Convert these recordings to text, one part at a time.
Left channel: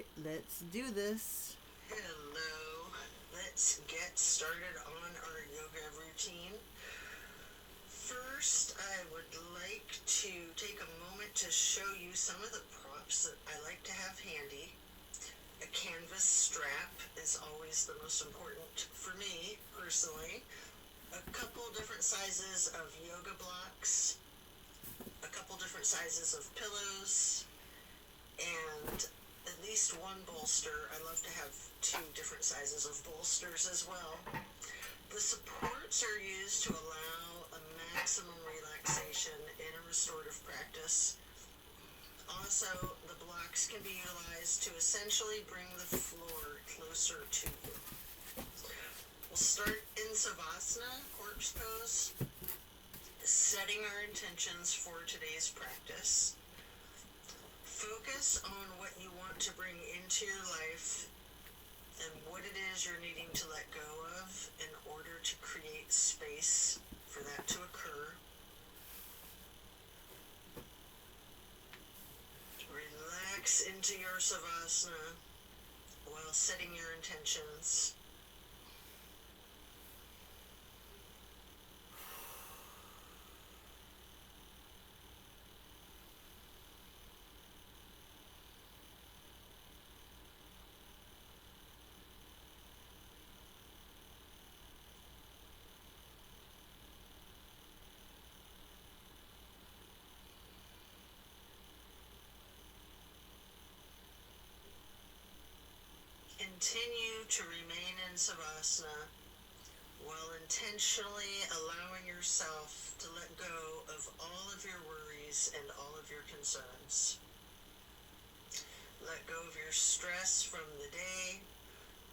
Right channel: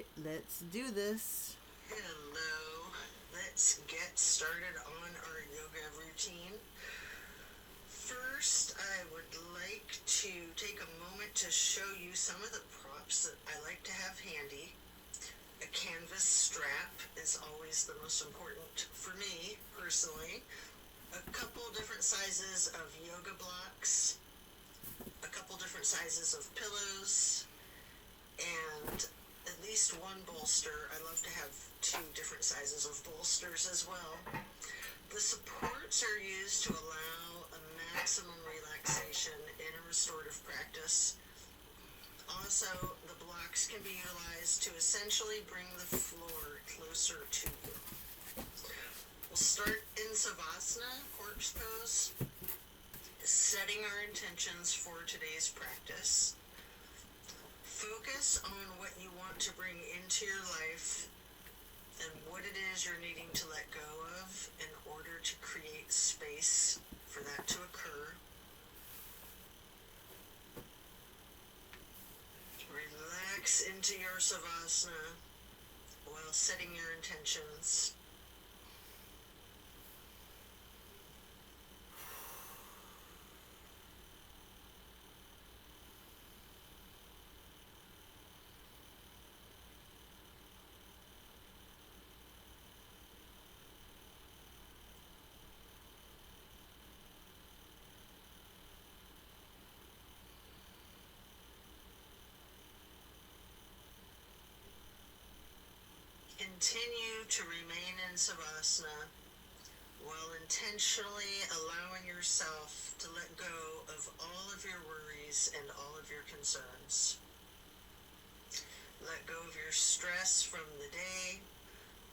right, let's do this. Hello. Let's get started on our yoga routine. First, I would like to take a moment to show you some of the props that I like to have handy. A canvas strap is always the most important for me, personally. A couple different sizes of yoga blocks, a couple different sizes of pillows, and at least one bolster. I love to have 2 different sizes of bolsters as well. The supports are used to allow a maximum relaxation in a restorative practice. Also, the blocks can be utilized to essentially bring the floor closer to you. We'll start in Savasana, corpse pose, setting our intentions for today's practice. Focus on what you want to bring into your life and what it is you're needing to let go of in order to create space for that to occur. Relax into your Savasana while setting your intentions. Continue to remain in Savasana while intentionally allowing yourself to let go of all of your worries and all of your concerns. Let go of your stress from the day,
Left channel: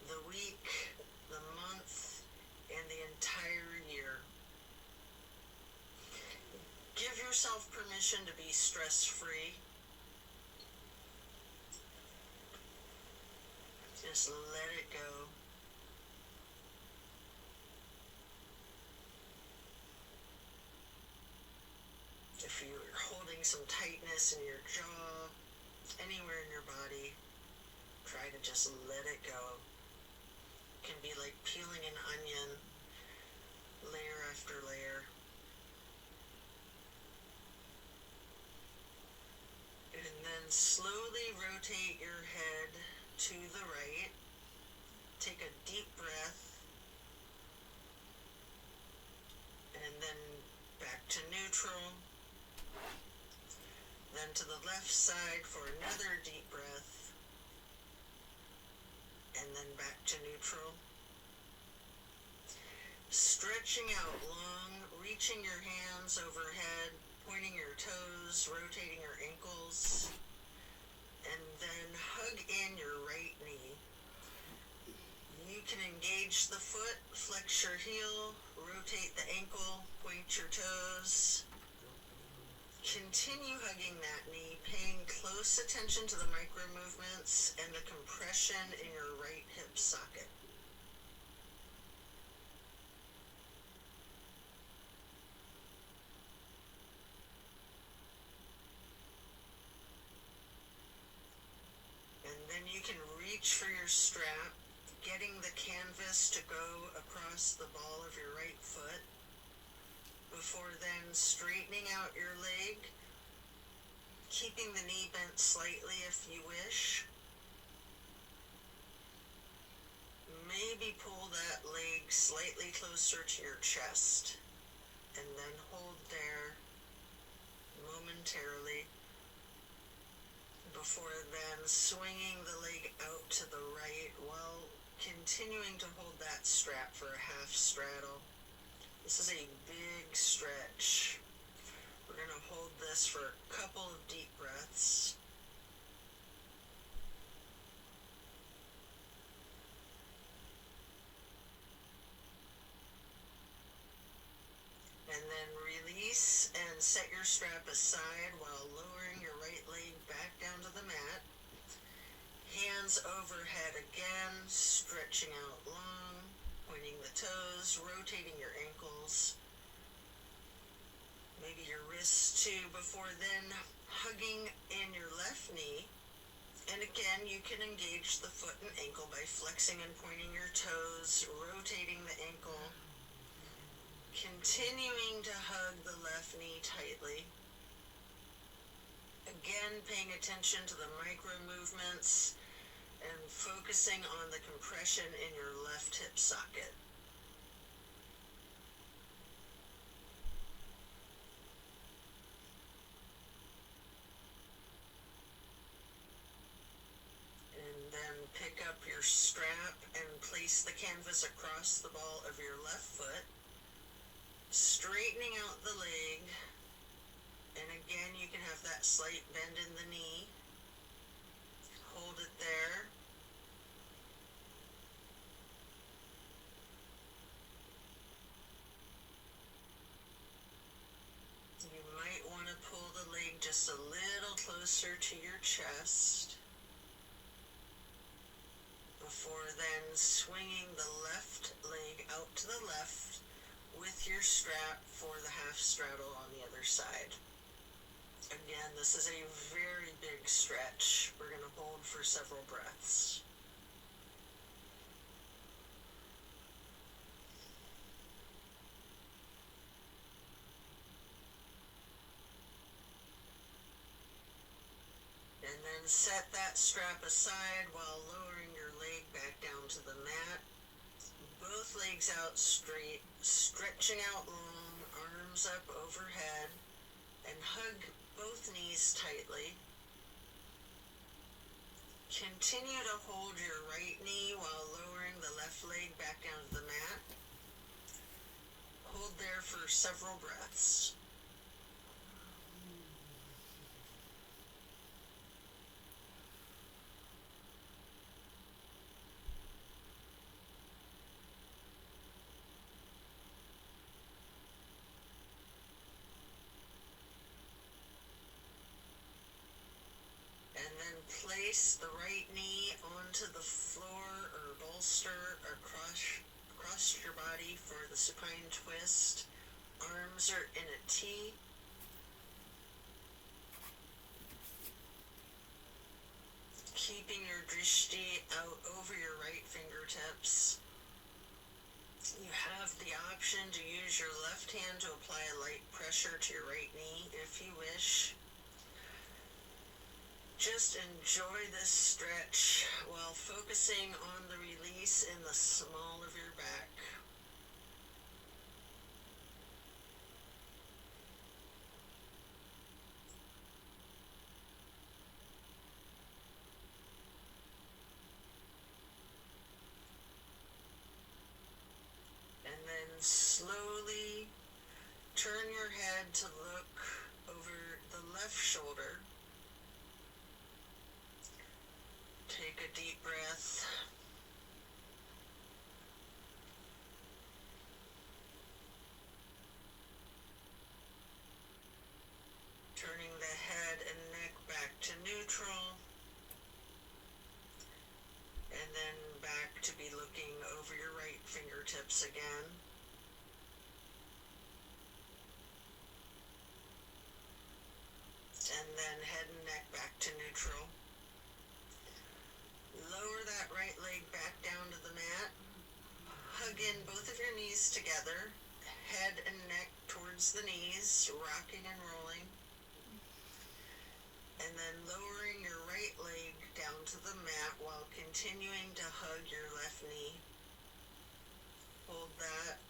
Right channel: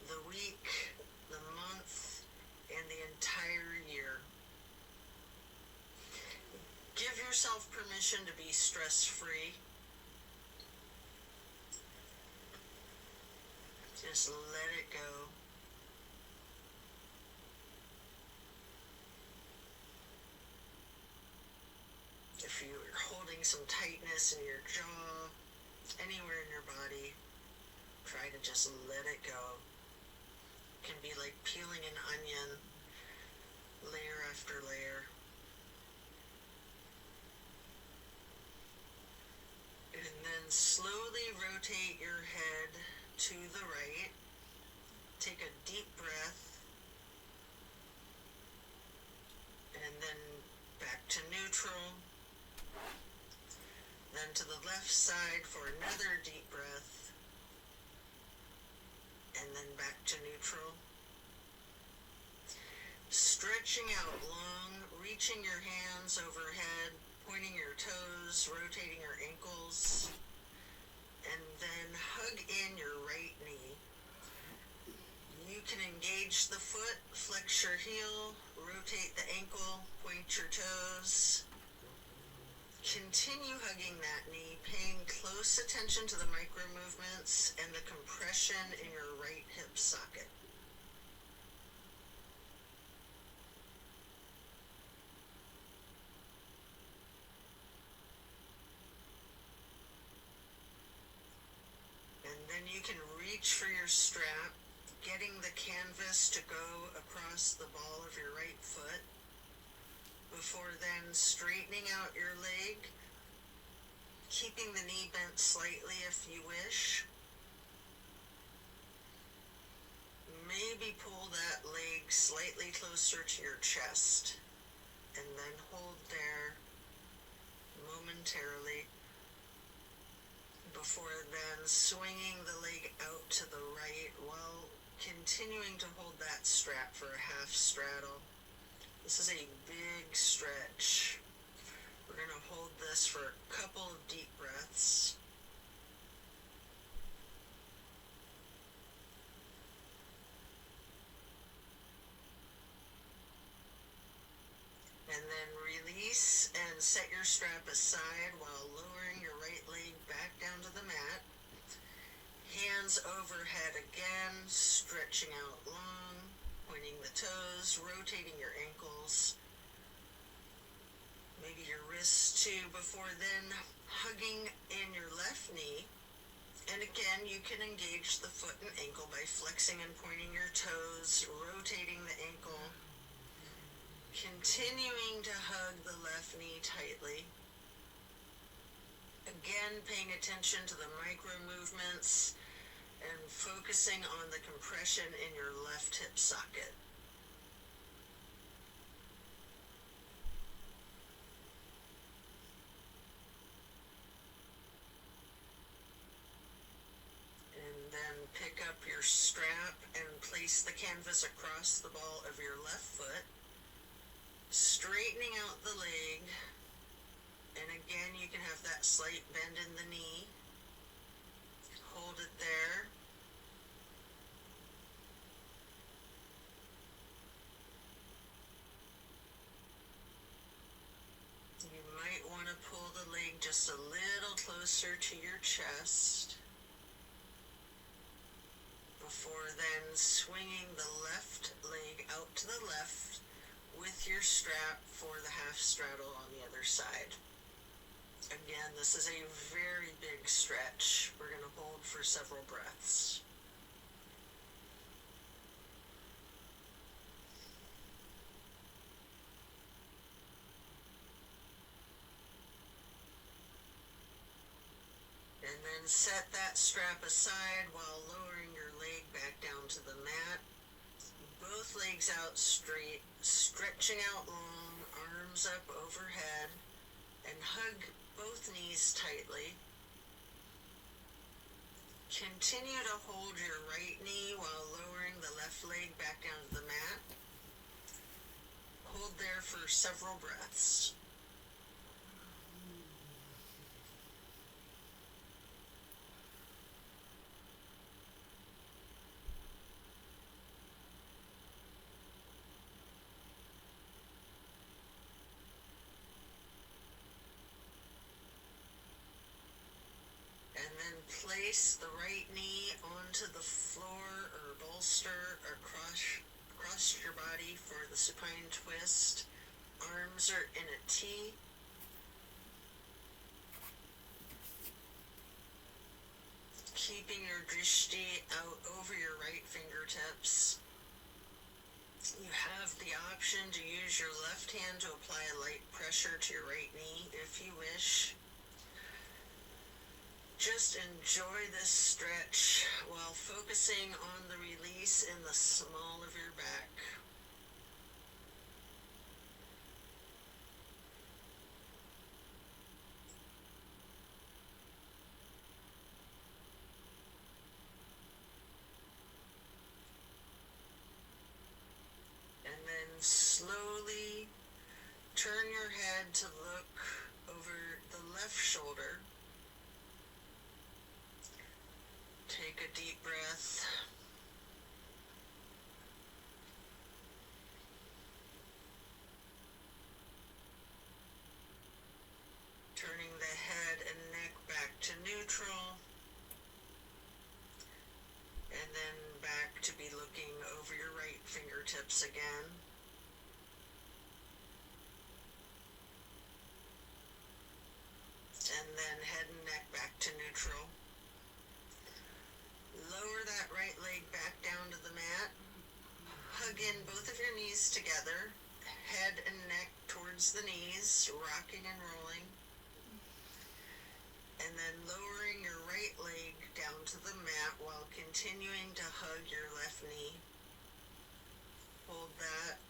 the week, the month, and the entire year. Give yourself permission to be stress-free. Just let it go. If you're holding some tightness in your jaw, anywhere in your body, try to just let it go. It can be like peeling an onion, layer after layer. And then slowly rotate your head to the right. Take a deep breath. And then back to neutral. Then to the left side for another deep breath. And then back to neutral. Stretching out long, reaching your hands overhead, pointing your toes, rotating your ankles. And then hug in your right knee. You can engage the foot, flex your heel, rotate the ankle, point your toes. Continue hugging that knee, paying close attention to the micro movements and the compression in your right hip socket. And then you can reach for your strap, getting the canvas to go across the ball of your right foot. Before then, straightening out your leg, keeping the knee bent slightly if you wish. Maybe pull that leg slightly closer to your chest, and then hold there momentarily. Before then, swinging the leg out to the right while continuing to hold that strap for a half straddle. This is a big stretch. We're going to hold this for a couple of deep breaths. And then release and set your strap aside while lowering your right leg back down to the mat. Hands overhead again, stretching out long, pointing the toes, rotating your ankles. Maybe your wrists too. Before then, hugging in your left knee, And again, you can engage the foot and ankle by flexing and pointing your toes, rotating the ankle, continuing to hug the left knee tightly. Again, paying attention to the micro movements and focusing on the compression in your left hip socket. And then pick up your strap and place the canvas across the ball of your left foot, straightening out the leg. And again, you can have that slight bend in the knee. Hold it there. You might want to pull the leg just a little closer to your chest before then swinging the left leg out to the left with your strap for the half straddle on the other side. Again, this is a very big stretch. We're going to hold for several breaths. And then set that strap aside while lowering your leg back down to the mat. Both legs out straight, stretching out long, arms up overhead, and hug both knees tightly. Continue to hold your right knee while lowering the left leg back down to the mat. Hold there for several breaths. And then place the right knee onto the floor or bolster across your body for the supine twist. Arms are in a T. Keeping your drishti out over your right fingertips. You have the option to use your left hand to apply a light pressure to your right knee if you wish. Just enjoy this stretch while focusing on the release in the small of your back. And then slowly turn your head to look over the left shoulder. Take a deep breath. Turning the head and neck back to neutral. And then back to be looking over your right fingertips again. And then head and neck back to neutral. Lower that right leg back down to the mat. Hug in both of your knees together. Head and neck towards the knees, rocking and rolling. And then lowering your right leg down to the mat while continuing to hug your left knee. Hold that.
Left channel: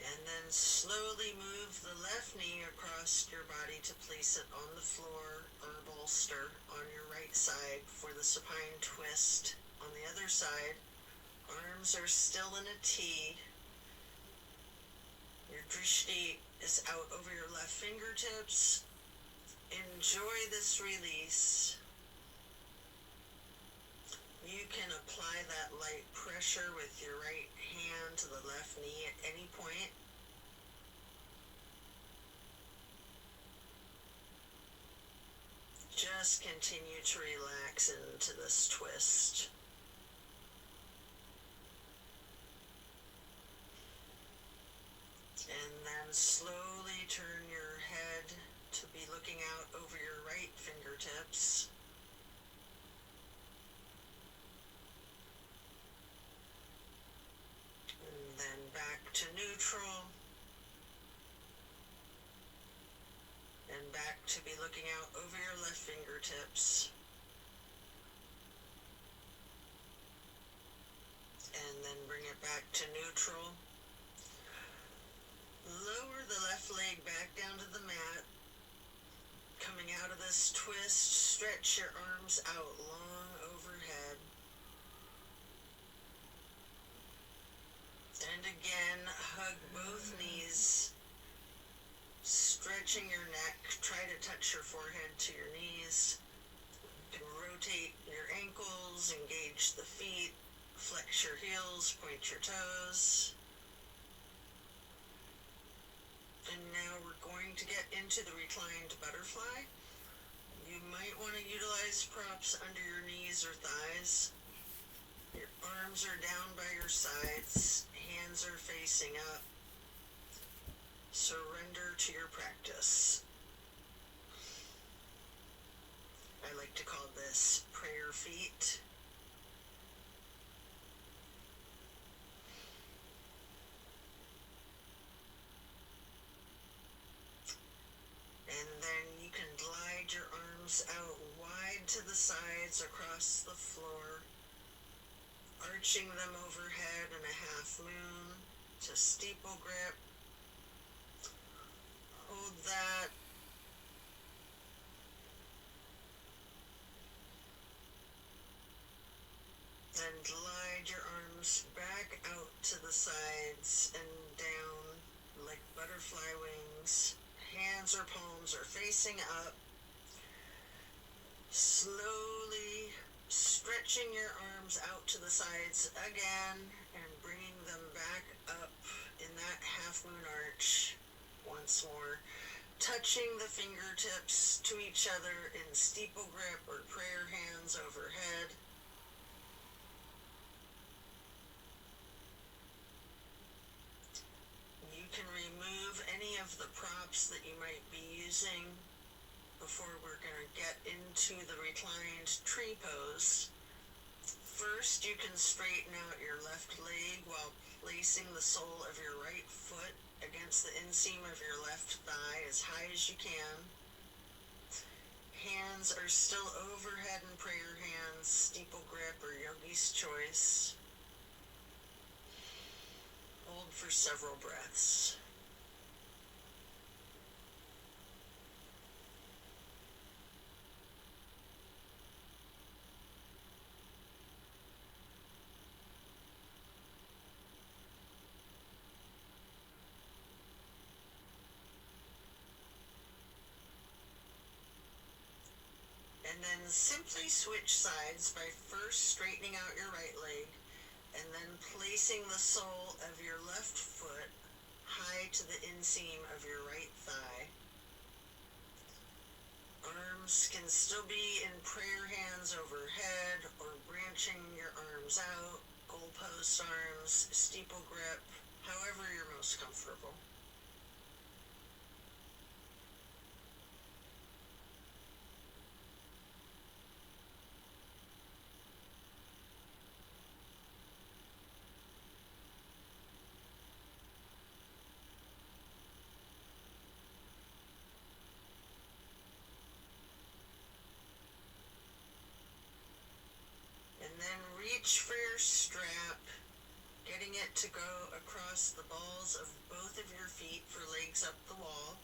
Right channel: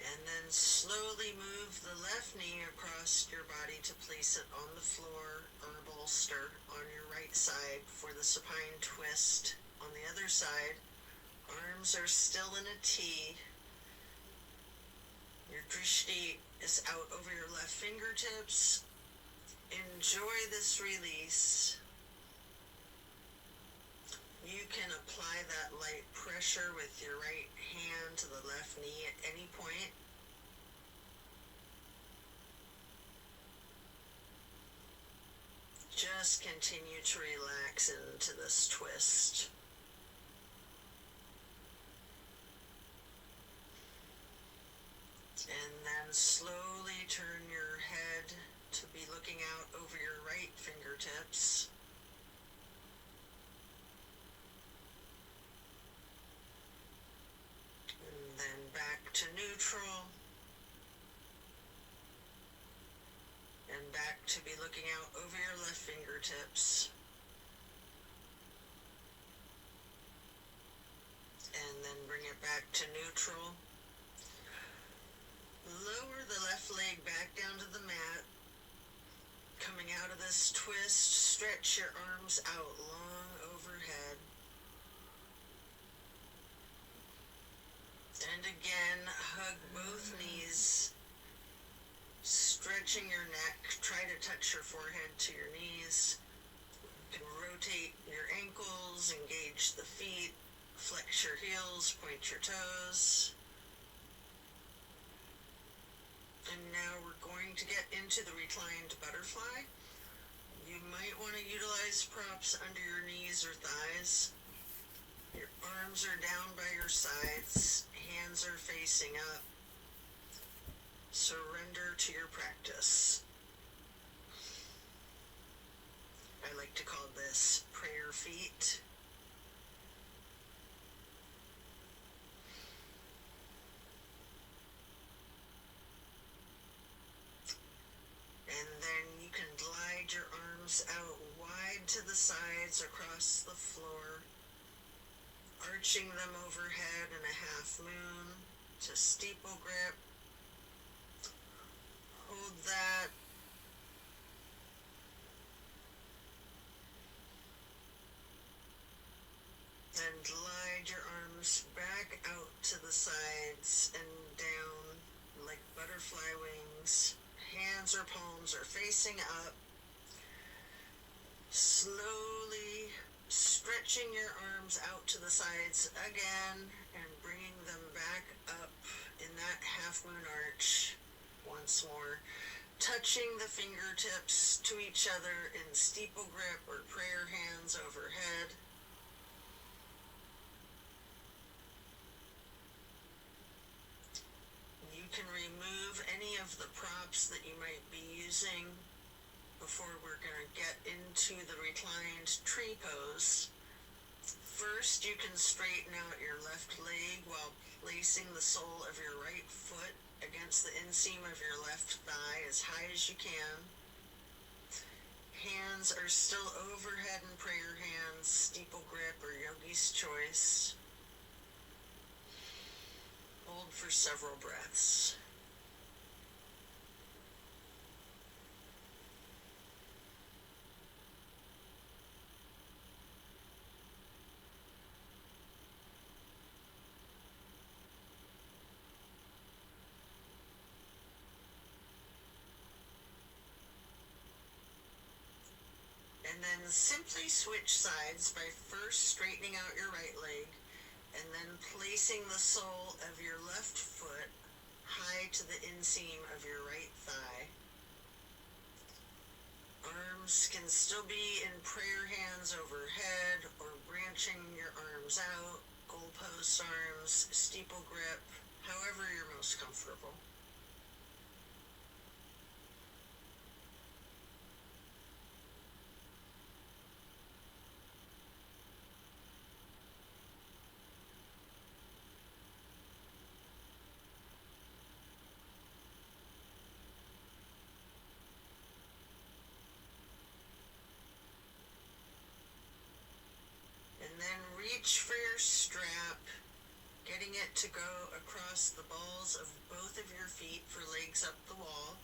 And then slowly move the left knee across your body to place it on the floor or bolster on your right side for the supine twist. On the other side, arms are still in a T. Your drishti is out over your left fingertips. Enjoy this release. You can apply that light pressure with your right hand to the left knee at any point. just continue to relax into this twist. And then slowly turn your head to be looking out over your right fingertips. And then back to neutral. And back to be looking out over your left fingertips. And then bring it back to neutral. Lower the left leg back down to the mat. Coming out of this twist, stretch your arms out long overhead. And again, hug both knees, stretching your neck. Try to touch your forehead to your knees. You can rotate your ankles, engage the feet, flex your heels, point your toes. And now we're going to get into the reclined butterfly. You might want to utilize props under your knees or thighs. Your arms are down by your sides, hands are facing up. Surrender to your practice. I like to call this prayer feet. And then you can glide your arms out wide to the sides across the floor, arching them overhead in a half moon to steeple grip. Hold that. And glide your arms back out to the sides and down like butterfly wings. Hands or palms are facing up. Slowly stretching your arms out to the sides again and bringing them back up in that half moon arch once more. Touching the fingertips to each other in steeple grip or prayer hands overhead. You can remove any of the props that you might be using before we're going to get into the reclined tree pose. First, you can straighten out your left leg while placing the sole of your right foot against the inseam of your left thigh as high as you can. Hands are still overhead in prayer hands, steeple grip or yogi's choice. Hold for several breaths. And then simply switch sides by first straightening out your right leg and then placing the sole of your left foot high to the inseam of your right thigh. Arms can still be in prayer hands overhead or branching your arms out, goalpost arms, steeple grip, however you're most comfortable. And then reach for your strap, getting it to go across the balls of both of your feet for legs up the wall.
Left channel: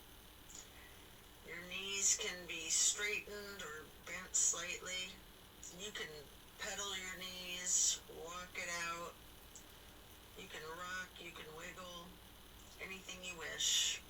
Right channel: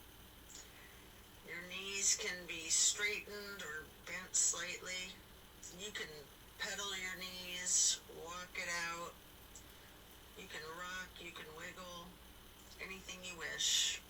Your knees can be straightened or bent slightly. You can pedal your knees, walk it out. You can rock, you can wiggle, anything you wish.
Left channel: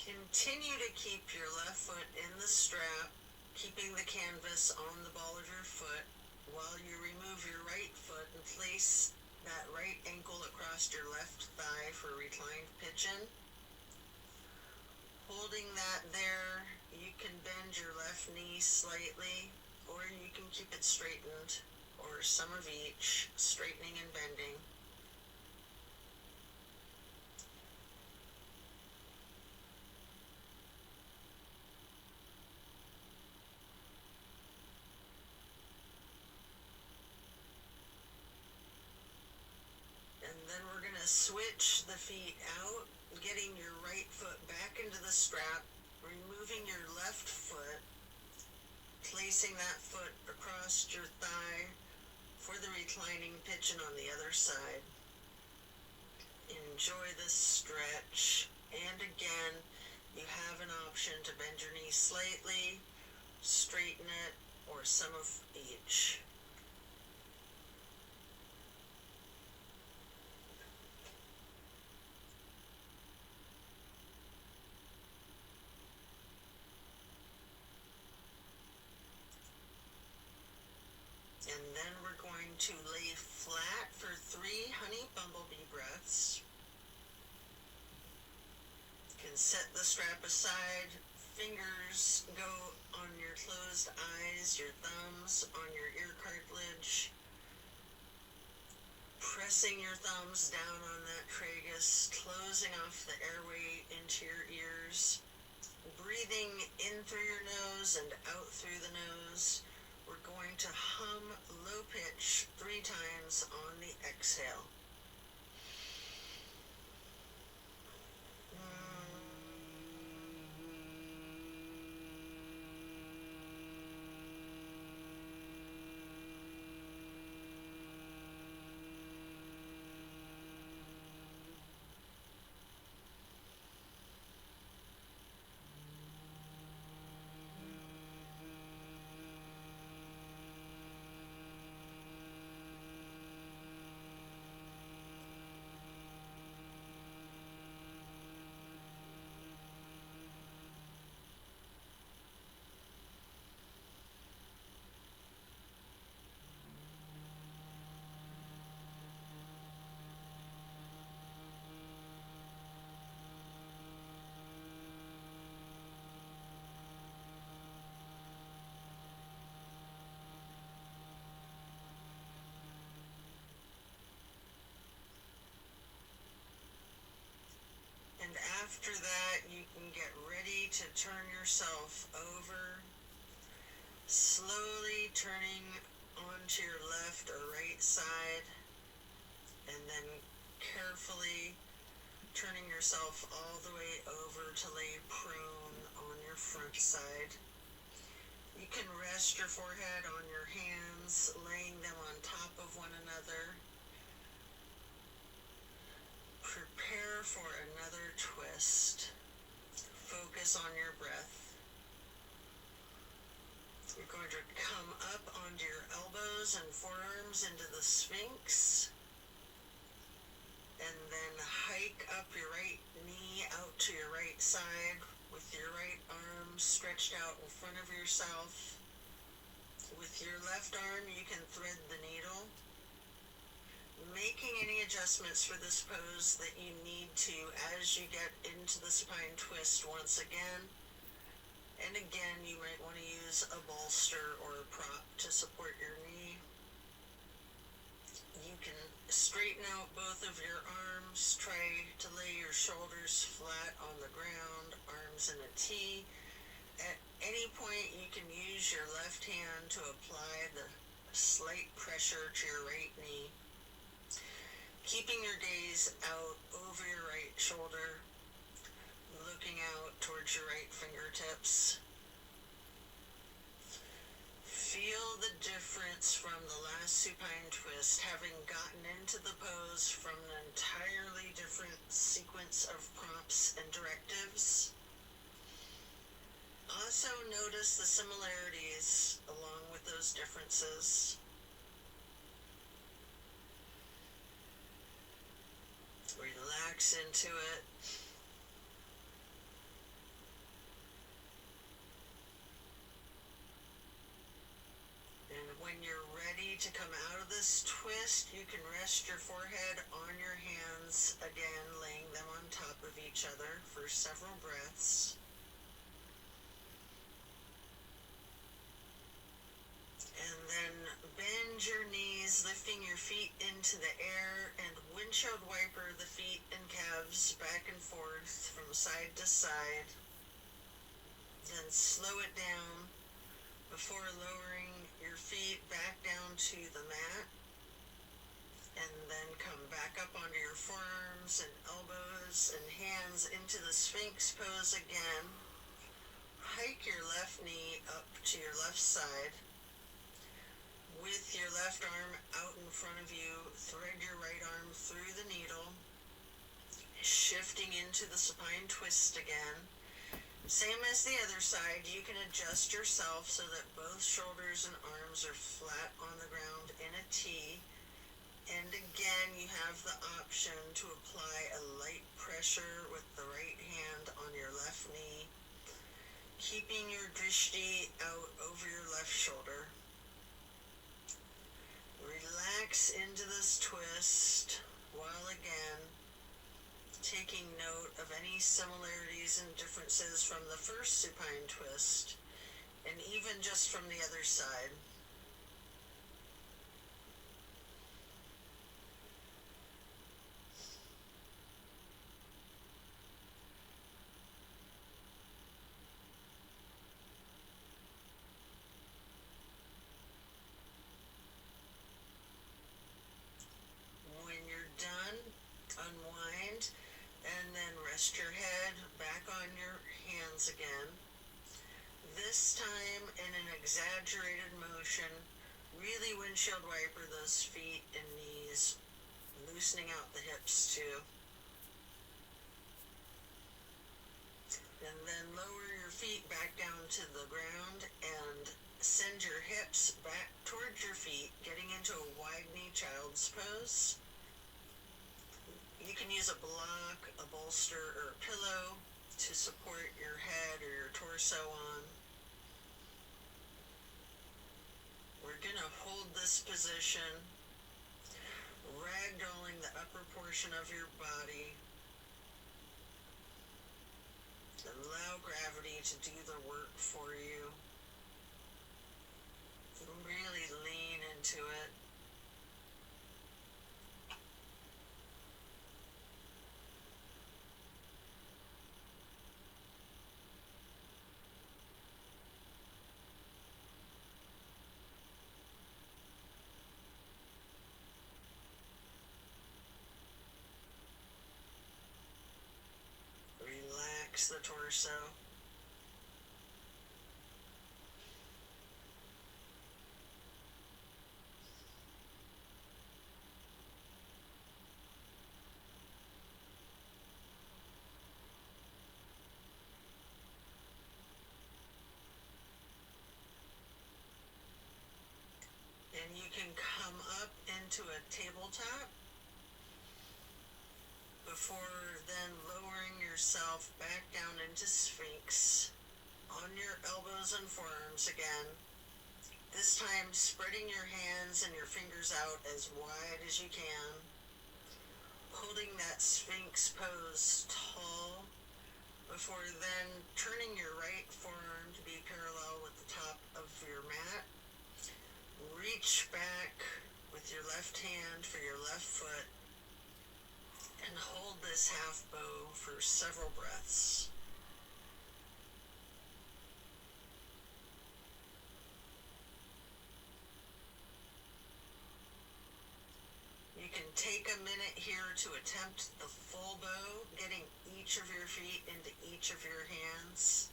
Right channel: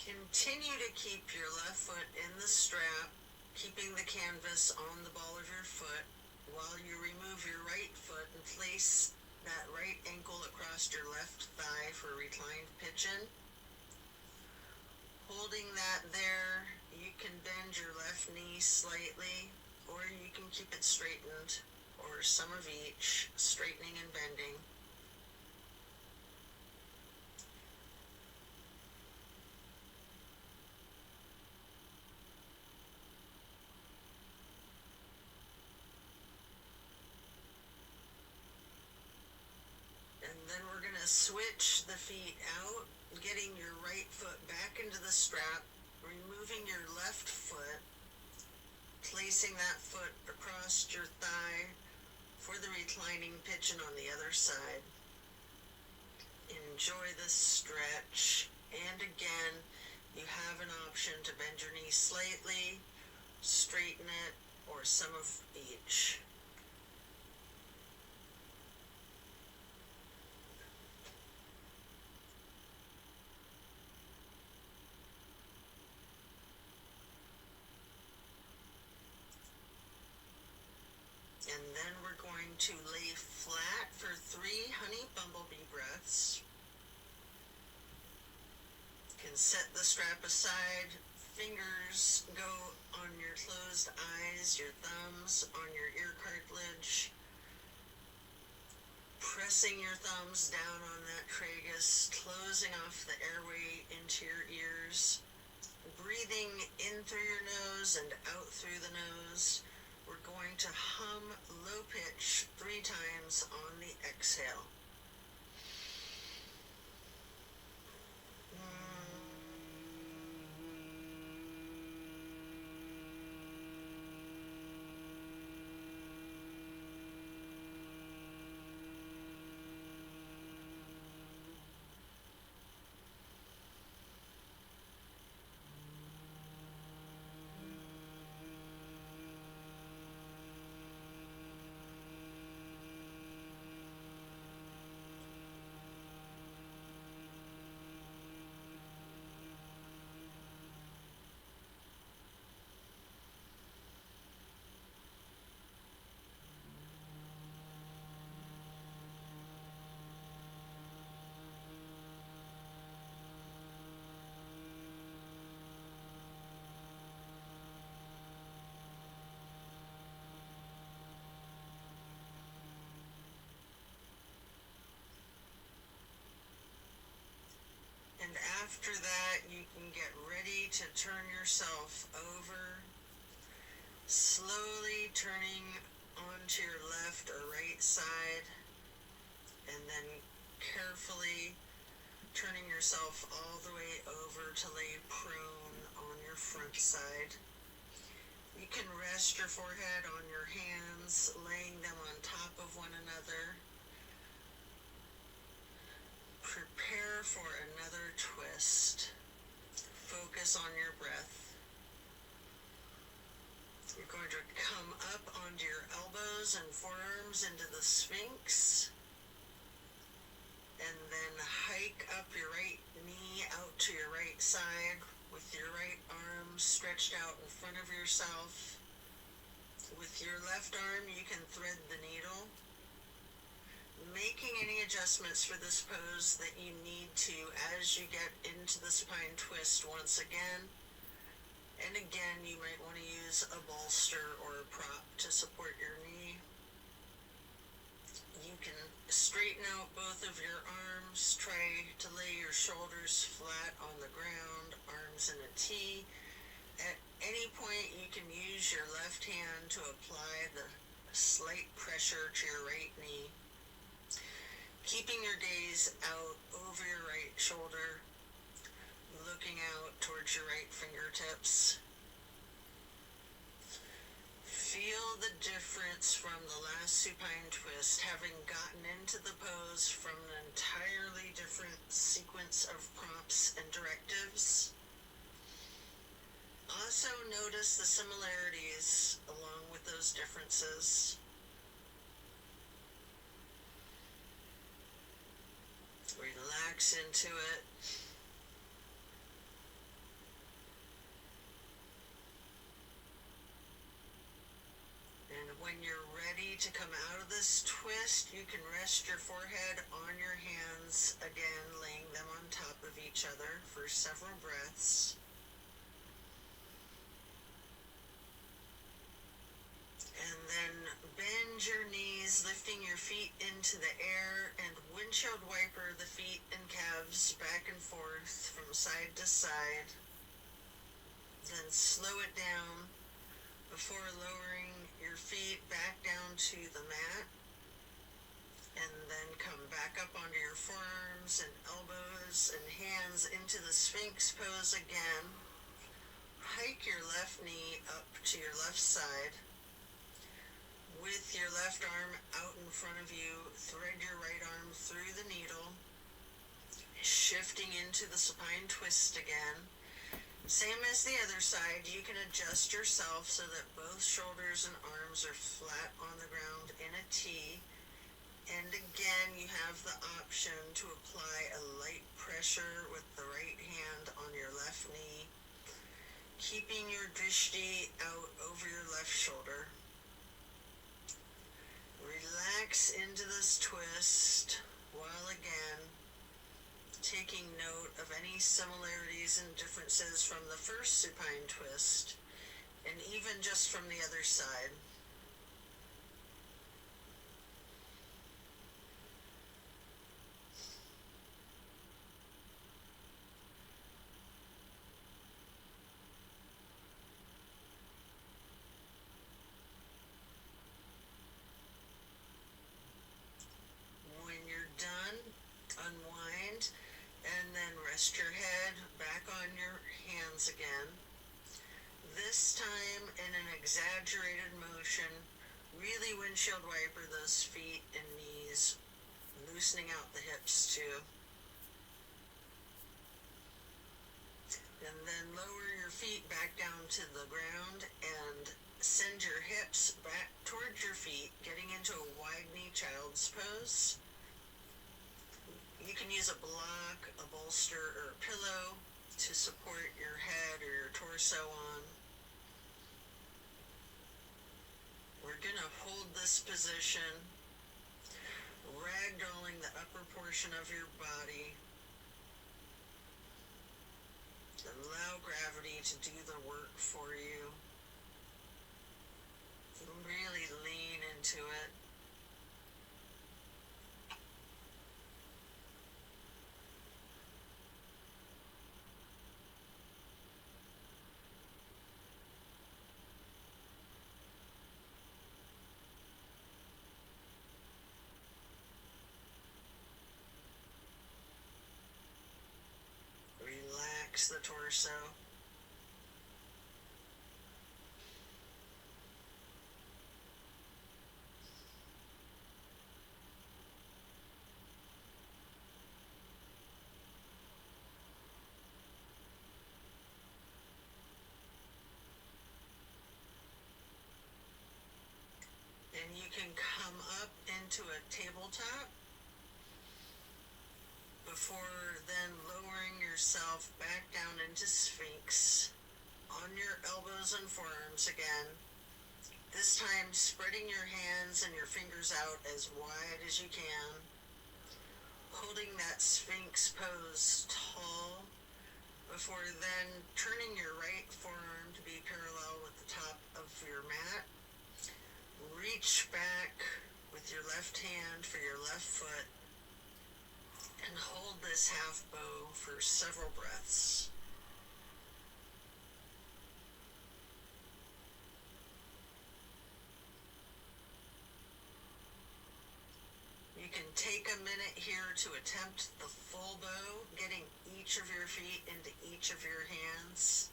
Continue to keep your left foot in the strap, keeping the canvas on the ball of your foot while you remove your right foot and place that right ankle across your left thigh for reclined pigeon. Holding that there, you can bend your left knee slightly, or you can keep it straightened, or some of each, straightening and bending. And then we're going to switch the feet out, getting your right foot back into the strap, removing your left foot, placing that foot across your thigh for the reclining pigeon on the other side. Enjoy this stretch, and again, you have an option to bend your knee slightly, straighten it, or some of each. And then we're going to lay flat for 3 honey bumblebee breaths. You can set the strap aside, fingers go on your closed eyes, your thumbs on your ear cartilage, pressing your thumbs down on that tragus, closing off the airway into your ears, breathing in through your nose and out through the nose. We're going to hum low pitch 3 times on the exhale. And after that, you can get ready to turn yourself over, slowly turning onto your left or right side, and then carefully turning yourself all the way over to lay prone on your front side. You can rest your forehead on your hands, laying them on top of one another. Prepare for another twist. Focus on your breath. You're going to come up onto your elbows and forearms into the Sphinx. And then hike up your right knee out to your right side with your right arm stretched out in front of yourself. With your left arm, you can thread the needle, making any adjustments for this pose that you need to as you get into the supine twist once again. And again, you might want to use a bolster or a prop to support your knee. You can straighten out both of your arms, try to lay your shoulders flat on the ground, arms in a T. At any point, you can use your left hand to apply the slight pressure to your right knee. Keeping your gaze out over your right shoulder, looking out towards your right fingertips. Feel the difference from the last supine twist, having gotten into the pose from an entirely different sequence of prompts and directives. Also notice the similarities along with those differences. Relax into it. When you're ready to come out of this twist, you can rest your forehead on your hands, again laying them on top of each other for several breaths. And then bend your knees, lifting your feet into the air, and windshield wiper the feet and calves back and forth from side to side. Then slow it down before lowering your feet back down to the mat, and then come back up onto your forearms and elbows and hands into the Sphinx pose again. Hike your left knee up to your left side. With your left arm out in front of you, thread your right arm through the needle, shifting into the supine twist again. Same as the other side, you can adjust yourself so that both shoulders and arms are flat on the ground in a T. And again, you have the option to apply a light pressure with the right hand on your left knee, keeping your drishti out over your left shoulder. Relax into this twist while again taking note of any similarities and differences from the first supine twist, and even just from the other side. When you're done, unwind, and then rest your head back on your hands again. This time in an exaggerated motion, really windshield wiper those feet and knees, loosening out the hips too. And then lower your feet back down to the ground and send your hips back towards your feet, getting into a wide knee child's pose. You can use a block, a bolster, or a pillow to support your head or your torso on. We're going to hold this position, ragdolling the upper portion of your body. Allow gravity to do the work for you. Really lean into it. Relax the torso. And you can come up into a tabletop before then lowering yourself back down into Sphinx on your elbows and forearms again. This time spreading your hands and your fingers out as wide as you can, holding that Sphinx pose tall before then turning your right forearm to be parallel with the top of your mat. Reach back with your left hand for your left foot and hold this half bow for several breaths. You can take a minute here to attempt the full bow, getting each of your feet into each of your hands.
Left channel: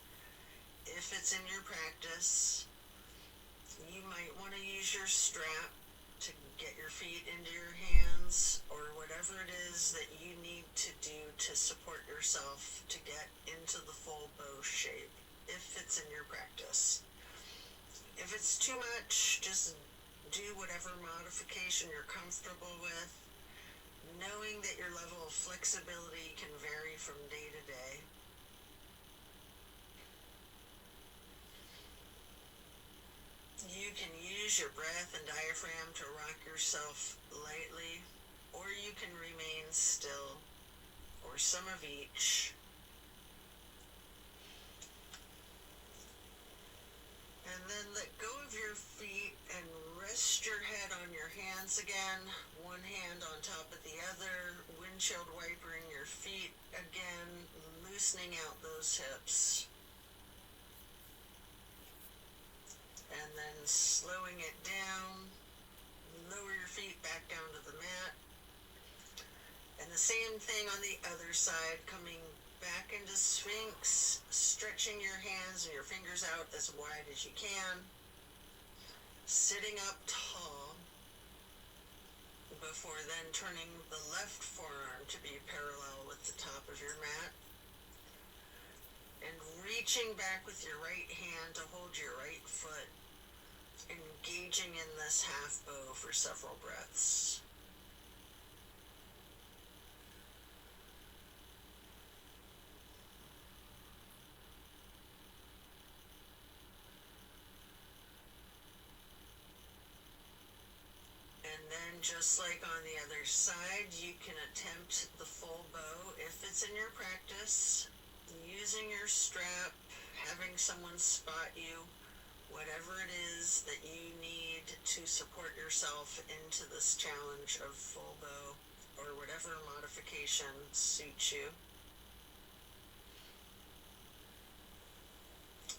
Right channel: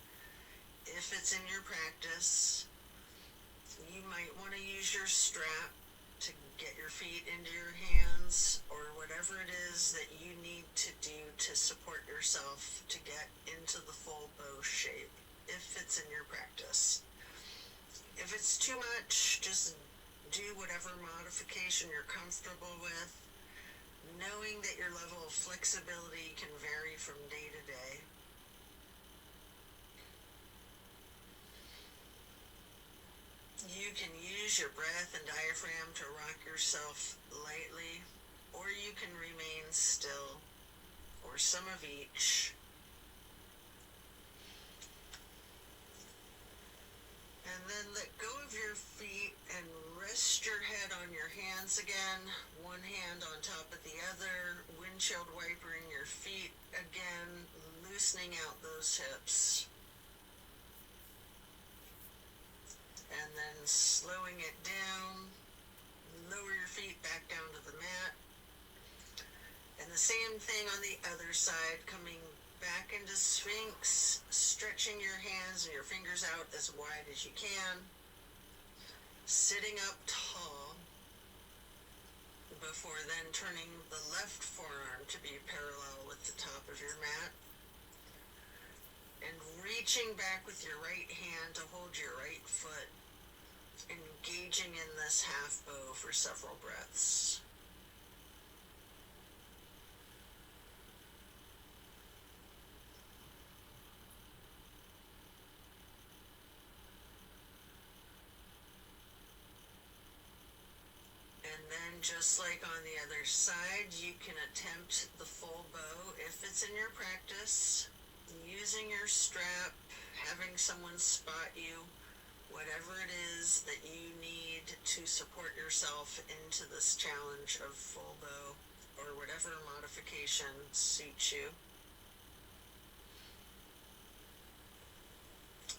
If it's in your practice, you might want to use your strap to get your feet into your hands, or whatever it is that you need to do to support yourself to get into the full bow shape, if it's in your practice. If it's too much, just do whatever modification you're comfortable with, knowing that your level of flexibility can vary from day to day. You you can use your breath and diaphragm to rock yourself lightly, or you can remain still, or some of each. And then let go of your feet and rest your head on your hands again, one hand on top of the other, windshield wipering your feet again, loosening out those hips. And then slowing it down, lower your feet back down to the mat. And the same thing on the other side, coming back into Sphinx, stretching your hands and your fingers out as wide as you can, sitting up tall, before then turning the left forearm to be parallel with the top of your mat, and reaching back with your right hand to hold your right foot, engaging in this half bow for several breaths. And then just like on the other side, you can attempt the full bow if it's in your practice, using your strap, having someone spot you, whatever it is that you need to support yourself into this challenge of full bow, or whatever modification suits you.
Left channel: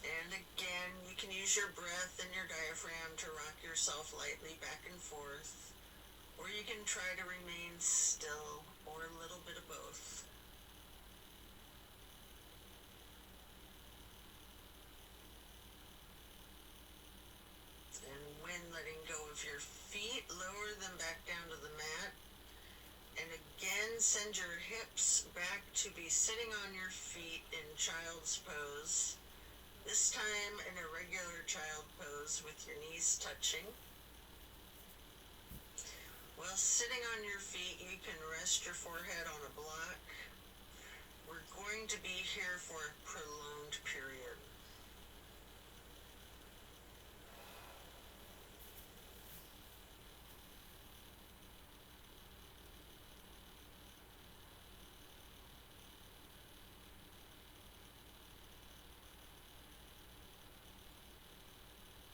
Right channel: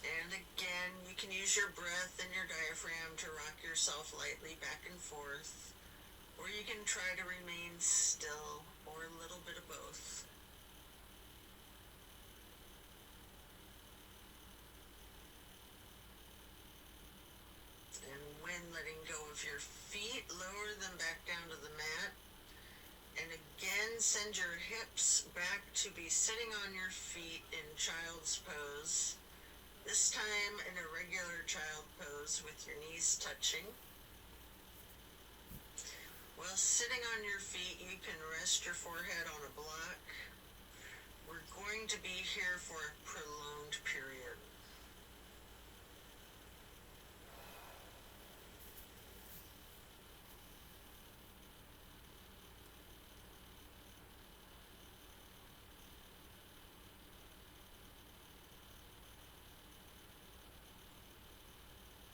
And again, you can use your breath and your diaphragm to rock yourself lightly back and forth, or you can try to remain still, or a little bit of both. And when letting go of your feet, lower them back down to the mat, and again send your hips back to be sitting on your feet in child's pose. This time in a regular child pose with your knees touching. While sitting on your feet, you can rest your forehead on a block. We're going to be here for a prolonged period.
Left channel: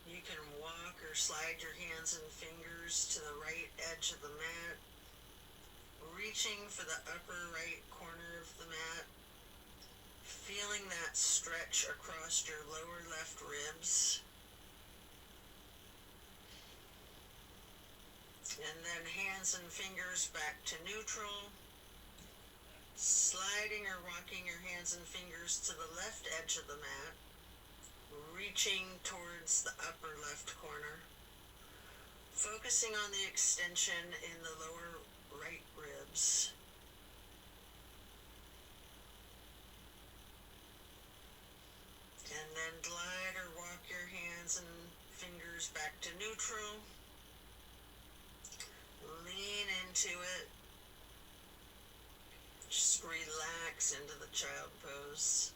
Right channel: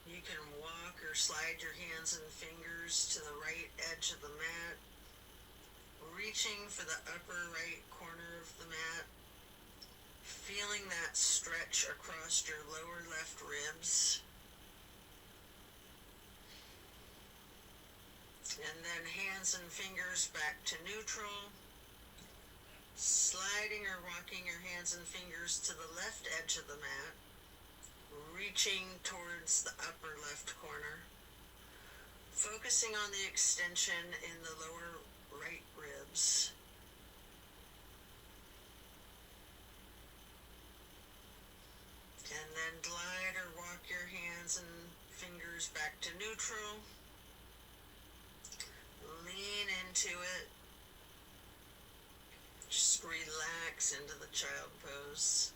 You can walk or slide your hands and fingers to the right edge of the mat, reaching for the upper right corner of the mat, feeling that stretch across your lower left ribs. And then hands and fingers back to neutral, sliding or rocking your hands and fingers to the left edge of the mat, reaching towards the upper left corner, focusing on the extension in the lower right ribs. And then glide or walk your hands and fingers back to neutral. Lean into it. Just relax into the child pose.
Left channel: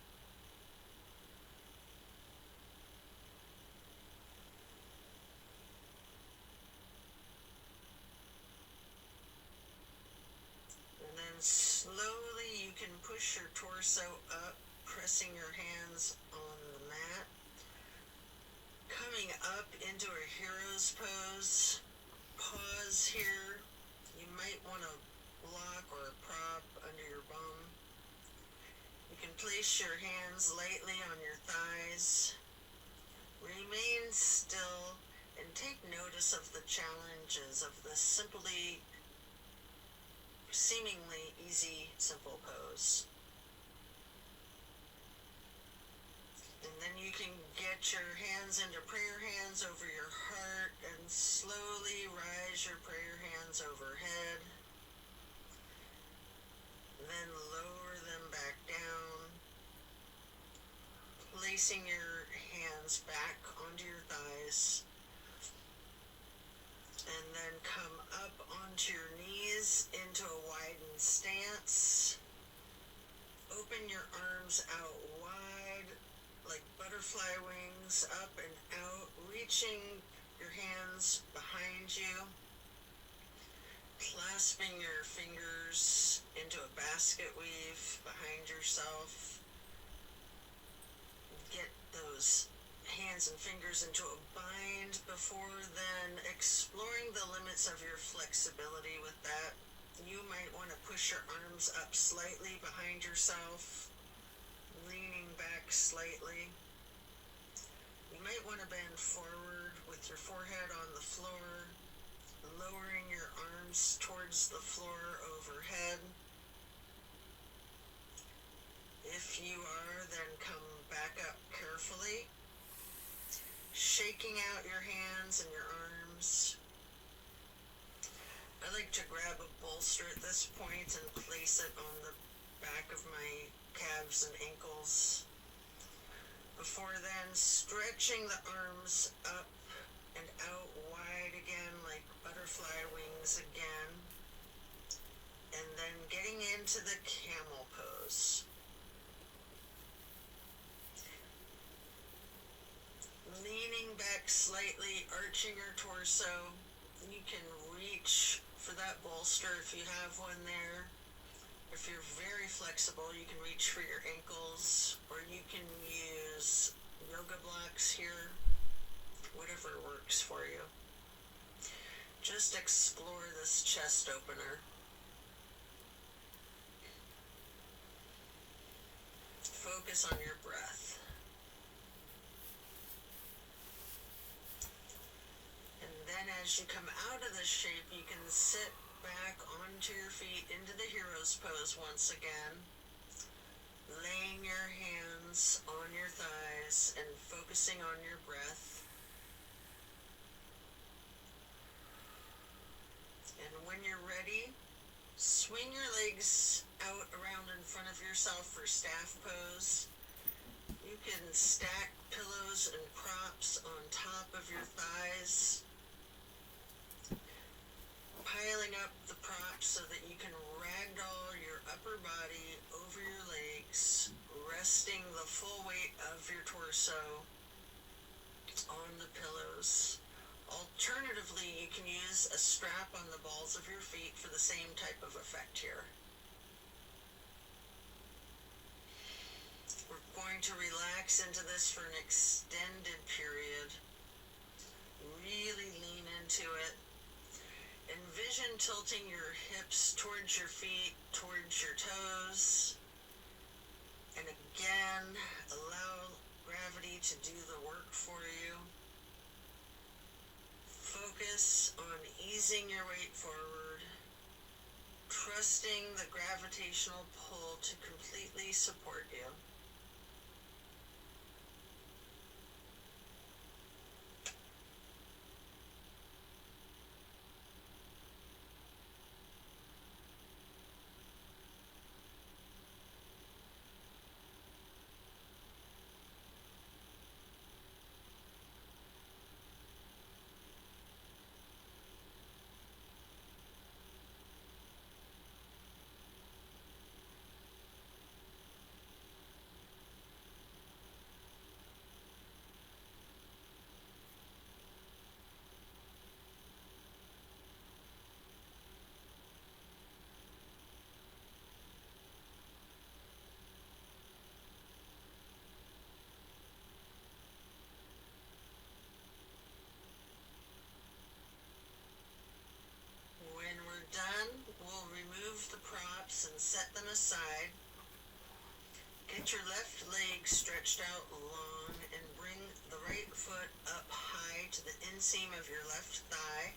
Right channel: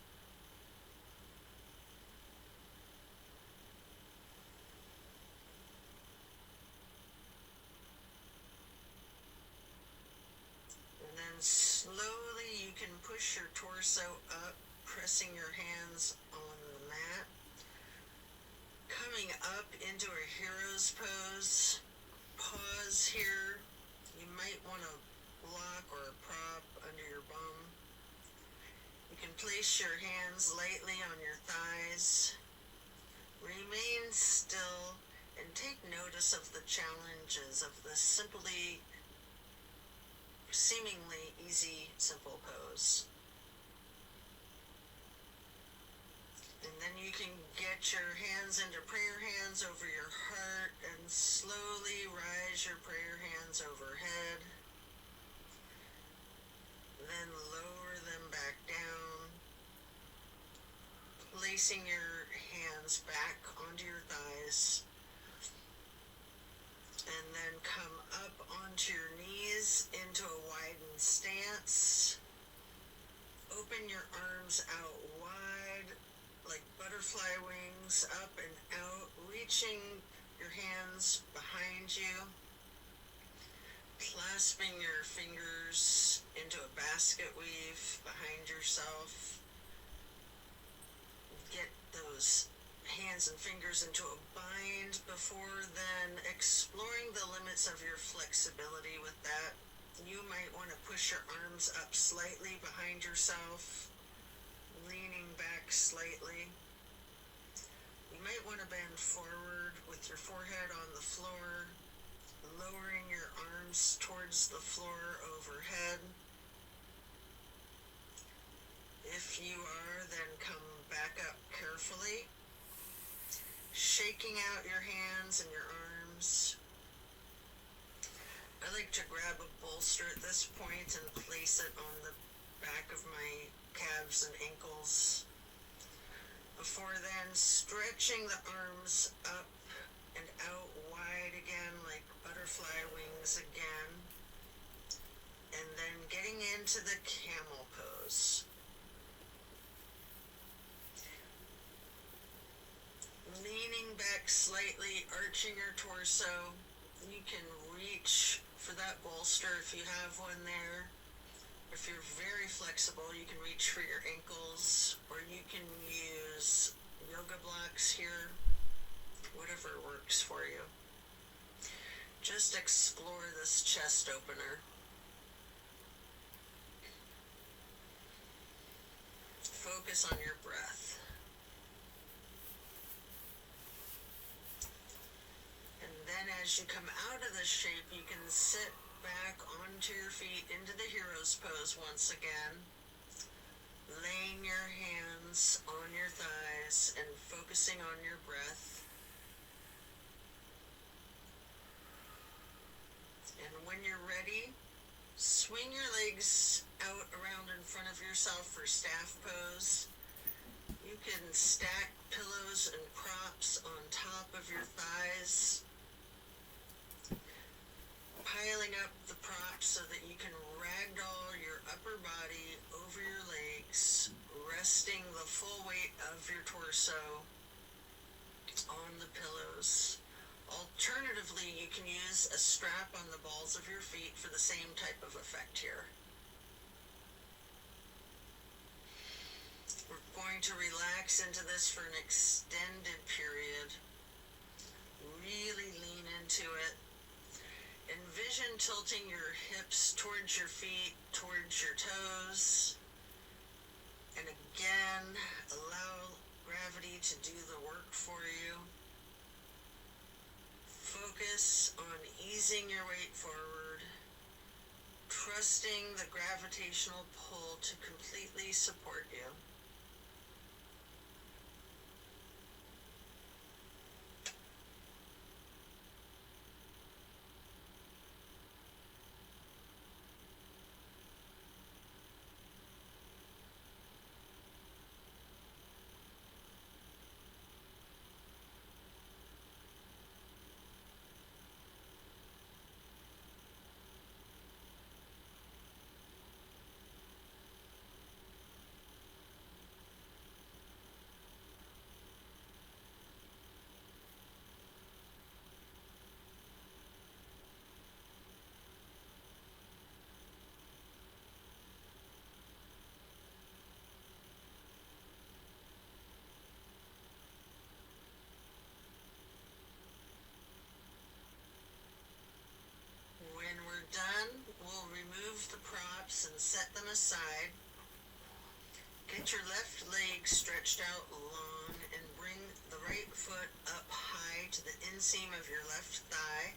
And then slowly you can push your torso up, pressing your hands on the mat. Coming up into a hero's pose. Pause here. You might want a block or a prop under your bum. You can place your hands lightly on your thighs. Remain still and take notice of the challenges of this seemingly easy, simple pose. And then you can get your hands into prayer hands over your heart and slowly rise your prayer hands overhead. Then lower them back down, placing your hands back onto your thighs. And then come up onto your knees into a widened stance. Open your arms out wide like butterfly wings, up and out, reaching hands behind you, clasping your fingers into a basket weave behind yourself. Get those hands and fingers into a bind before then exploring the limits of your flexibility with that. You might want to push your arms up slightly behind yourself, leaning back slightly. You might want to bend forward with your forehead on the floor, lowering your arms towards the floor overhead. If you are, then come back up carefully, shaking out your hands and your arms. I like to grab a bolster at this point and place it on the back of my calves and ankles. Before then, stretching the arms up and out wide again like butterfly wings again. And then getting into the camel pose. Leaning back slightly, arching your torso. You can reach for that bolster if you have one there. If you're very flexible, you can reach for your ankles, or you can use yoga blocks here, whatever works for you. Just explore this chest opener. Focus on your breath. And then as you come out of this shape, you can sit back onto your feet into the hero's pose once again, laying your hands on your thighs and focusing on your breath. And when you're ready, swing your legs out around in front of yourself for staff pose. You can stack pillows and props on top of your thighs, piling up the props so that you can ragdoll your upper body over your legs, resting the full weight of your torso on the pillows. Alternatively, you can use a strap on the balls of your feet for the same type of effect here. We're going to relax into this for an extended period. Really lean into it. Envision tilting your hips towards your feet, towards your toes. And again, allow gravity to do the work for you. Focus on easing your weight forward, trusting the gravitational pull to completely support you. Done, we'll remove the props and set them aside. Get your left leg stretched out long and bring the right foot up high to the inseam of your left thigh.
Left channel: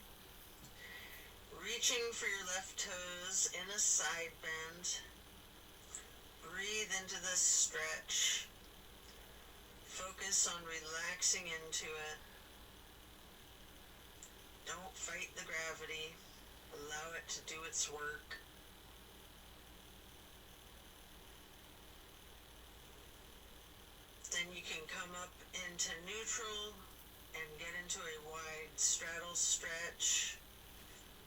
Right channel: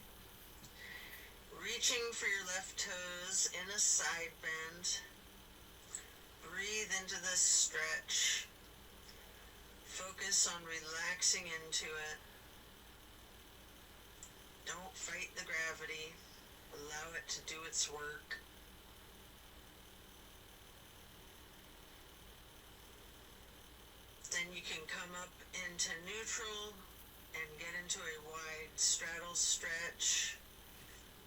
Reaching for your left toes in a side bend. Breathe into this stretch. Focus on relaxing into it. Don't fight the gravity. Allow it to do its work. Then you can come up into neutral and get into a wide straddle stretch.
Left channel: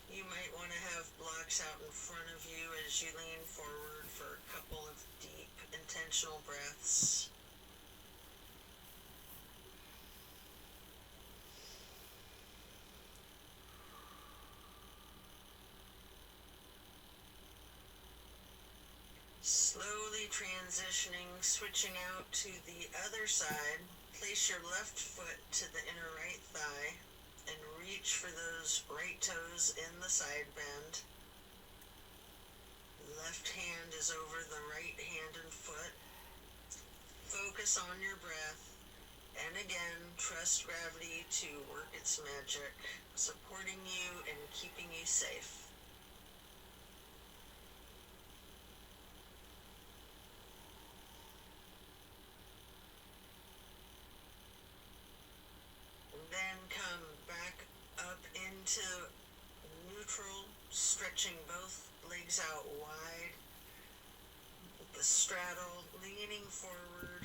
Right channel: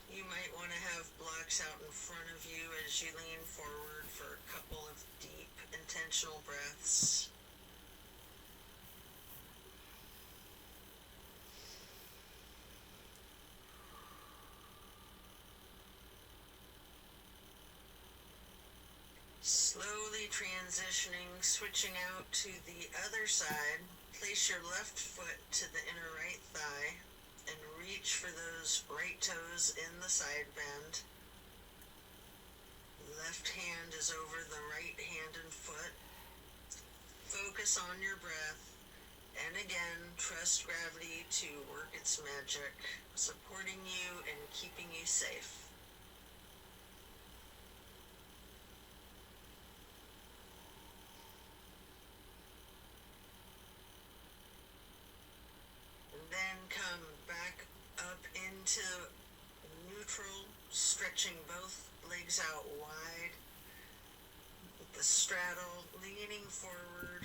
You might want to have blocks out in front of you as you lean forward for a couple of deep, intentional breaths. Transitioning, switching out to the other side, place your left foot to the inner right thigh and reach for those right toes in the side bend. Left hand is over the right hand and foot. Focus on your breath, and again, trust gravity to work its magic, supporting you and keeping you safe. Then come back up into neutral, stretching both legs out wide. The straddle, leaning forward,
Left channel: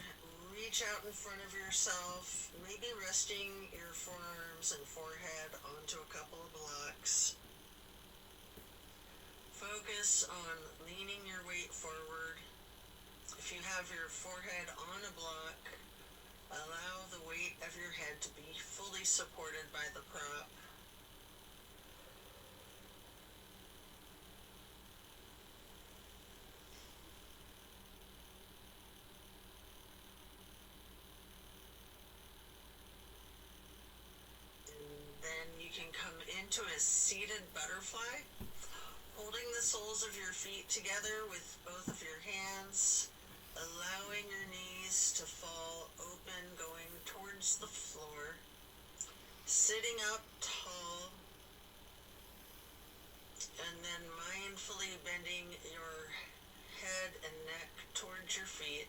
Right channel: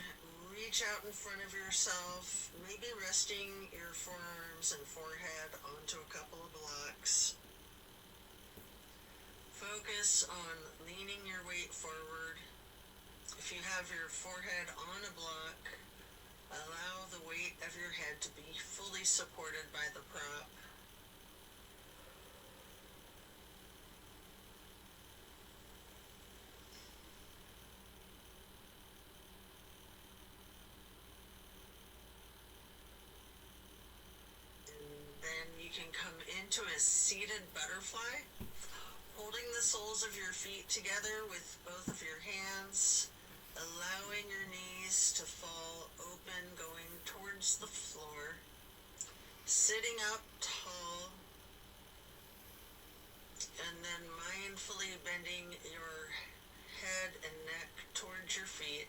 reach out in front of yourself, maybe resting your forearms and forehead onto a couple of blocks. Focus on leaning your weight forward. If you have your forehead on a block, allow the weight of your head to be fully supported by the prop. And then you can come into a seated butterfly, holding the soles of your feet together with both of your hands, allowing your knees to fall open, going towards the floor, sitting up tall, and then mindfully bending your head and neck towards your feet,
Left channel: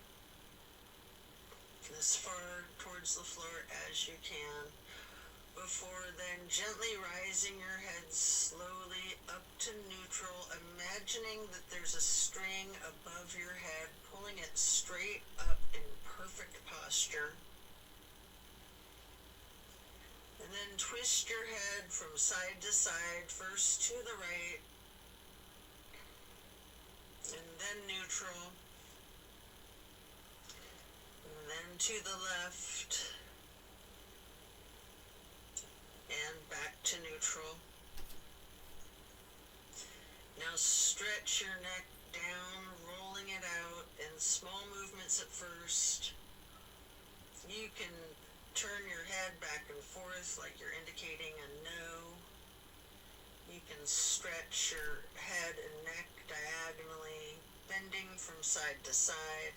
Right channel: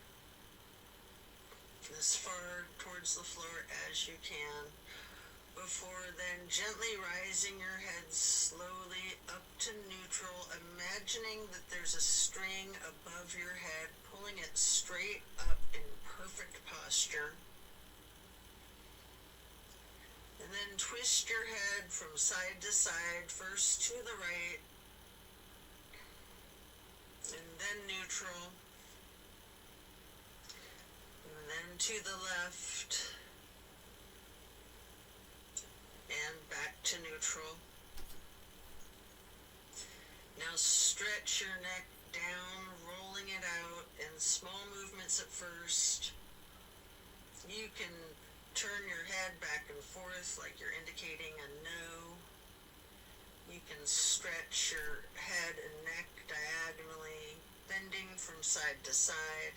as far towards the floor as you can, before then gently rising your head slowly up to neutral, imagining that there's a string above your head, pulling it straight up in perfect posture. And then twist your head from side to side, first to the right, and then neutral, and then to the left, and back to neutral. Now stretch your neck down, rolling it out in small movements at first. You can turn your head back and forth like you're indicating a no. You can stretch your head and neck diagonally, bending from side to side.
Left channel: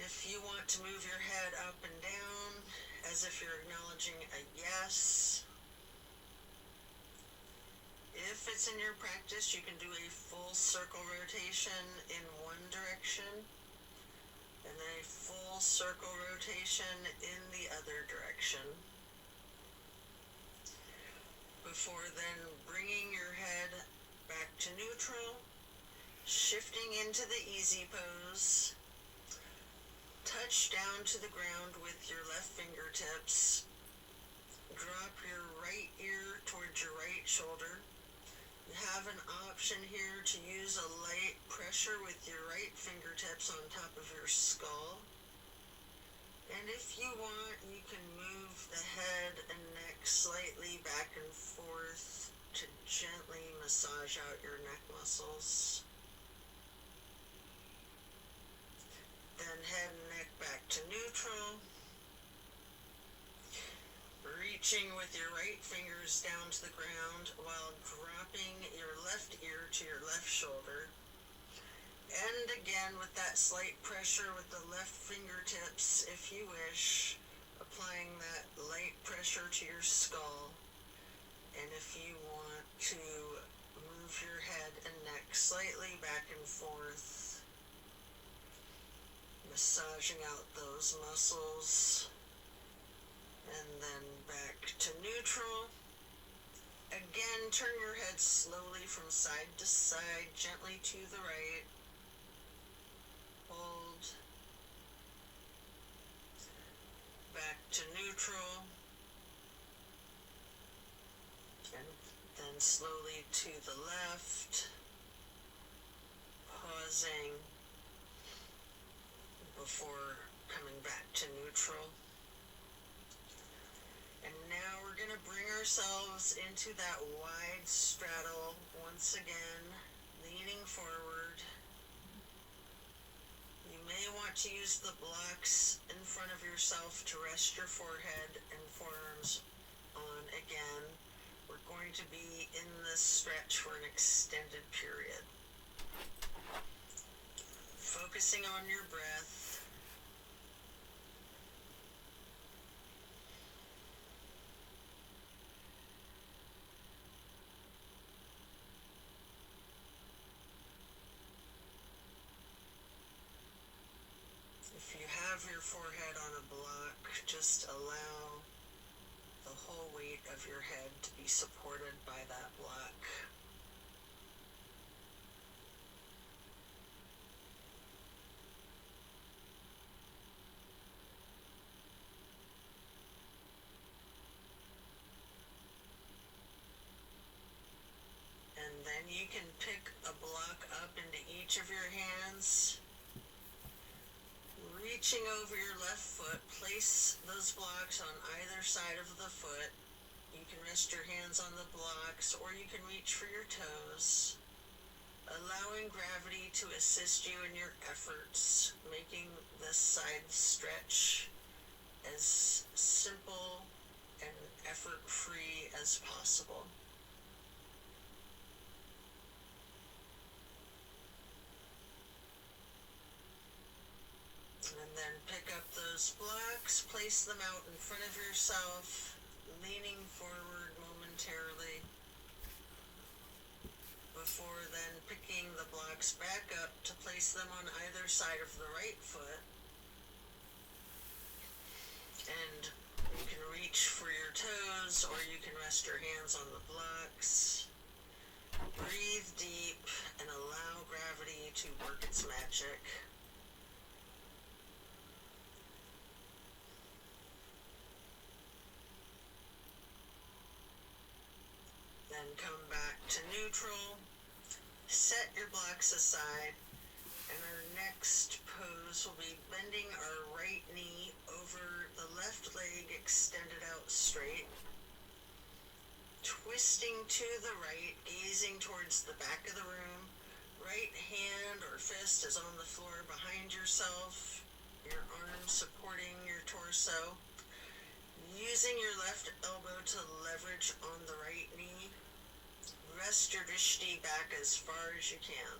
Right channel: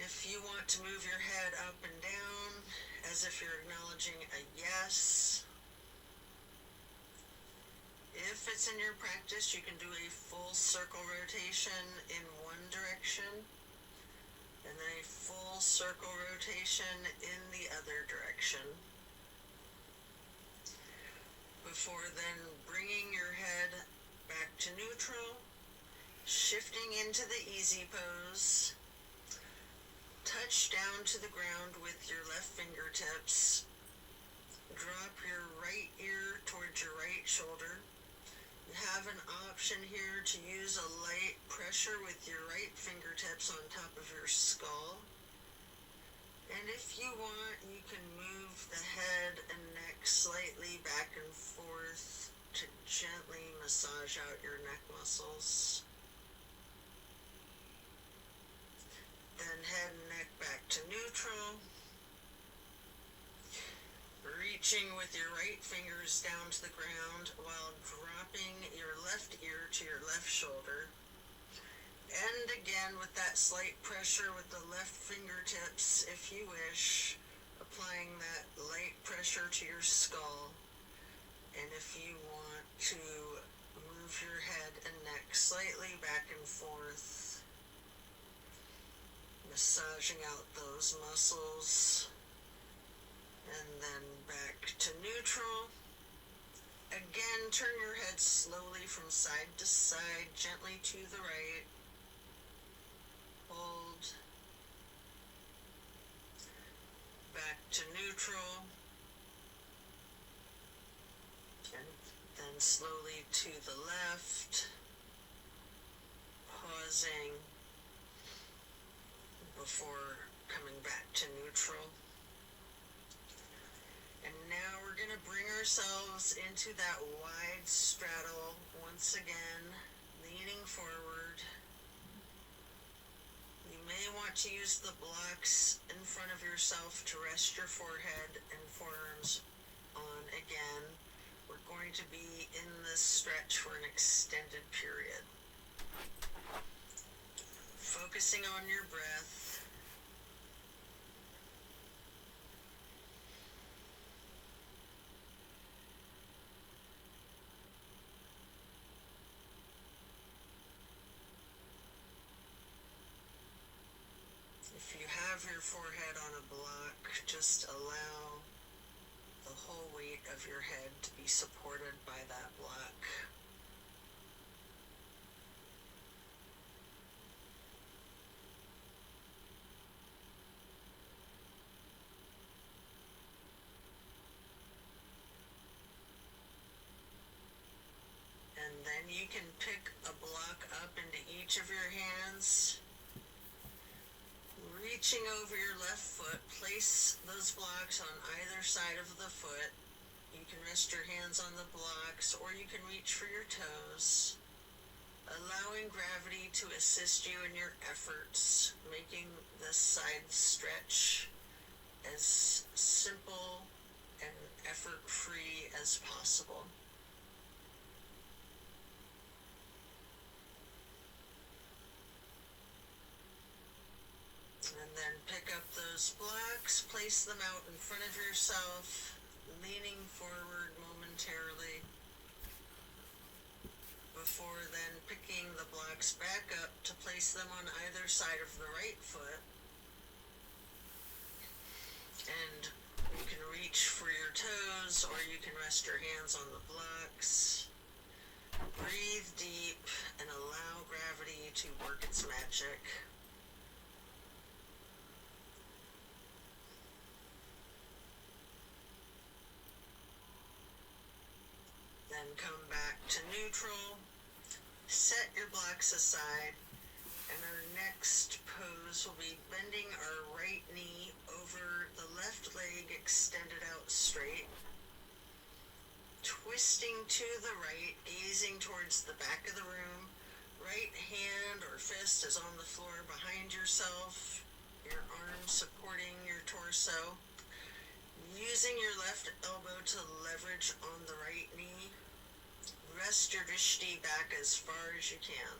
If you want to move your head up and down, as if you're acknowledging a yes. If it's in your practice, you can do a full circle rotation in one direction, and then a full circle rotation in the other direction. Before then bringing your head back to neutral, shifting into the easy pose. Touch down to the ground with your left fingertips. Drop your right ear towards your right shoulder. You have an option here to use a light pressure with your right fingertips on top of your skull. And if you want, you can move the head and neck slightly back and forth to gently massage out your neck muscles. Then head and neck back to neutral. Reaching with your right fingers down to the ground while dropping your left ear to your left shoulder. And again with that slight pressure with the left fingertips, if you wish, applying that light pressure to your skull. And if you want to move your head and neck slightly back and forth, massaging out those muscles, and then back to neutral. Again, turn your head slowly from side to side, gently to the right. Hold. Back to neutral. And then slowly to the left. Pausing before coming back to neutral. And now we're going to bring ourselves into that wide straddle once again, leaning forward. may want to use the blocks in front of yourself to rest your forehead and forearms on again. We're going to be in this stretch for an extended period. Focusing on your breath. If you have your forehead on a block, just allow the whole weight of your head to be supported by that block. And then you can pick a block up into each of your hands. Reaching over your left foot, place those blocks on either side of the foot. You can rest your hands on the blocks, or you can reach for your toes, allowing gravity to assist you in your efforts, making this side stretch as simple and effort-free as possible. And then pick up those blocks, place them out in front of yourself, leaning forward momentarily, before then picking the blocks back up to place them on either side of the right foot. And you can reach for your toes, or you can rest your hands on the blocks. Breathe deep and allow gravity to work its magic. Then come back to neutral, set your blocks aside, and our next pose will be bending our right knee over the left leg extended out straight, twisting to the right, gazing towards the back of the room. Right hand or fist is on the floor behind yourself, your arm supporting your torso. Using your left elbow to leverage on the right knee. Rest your drishti back as far as you can.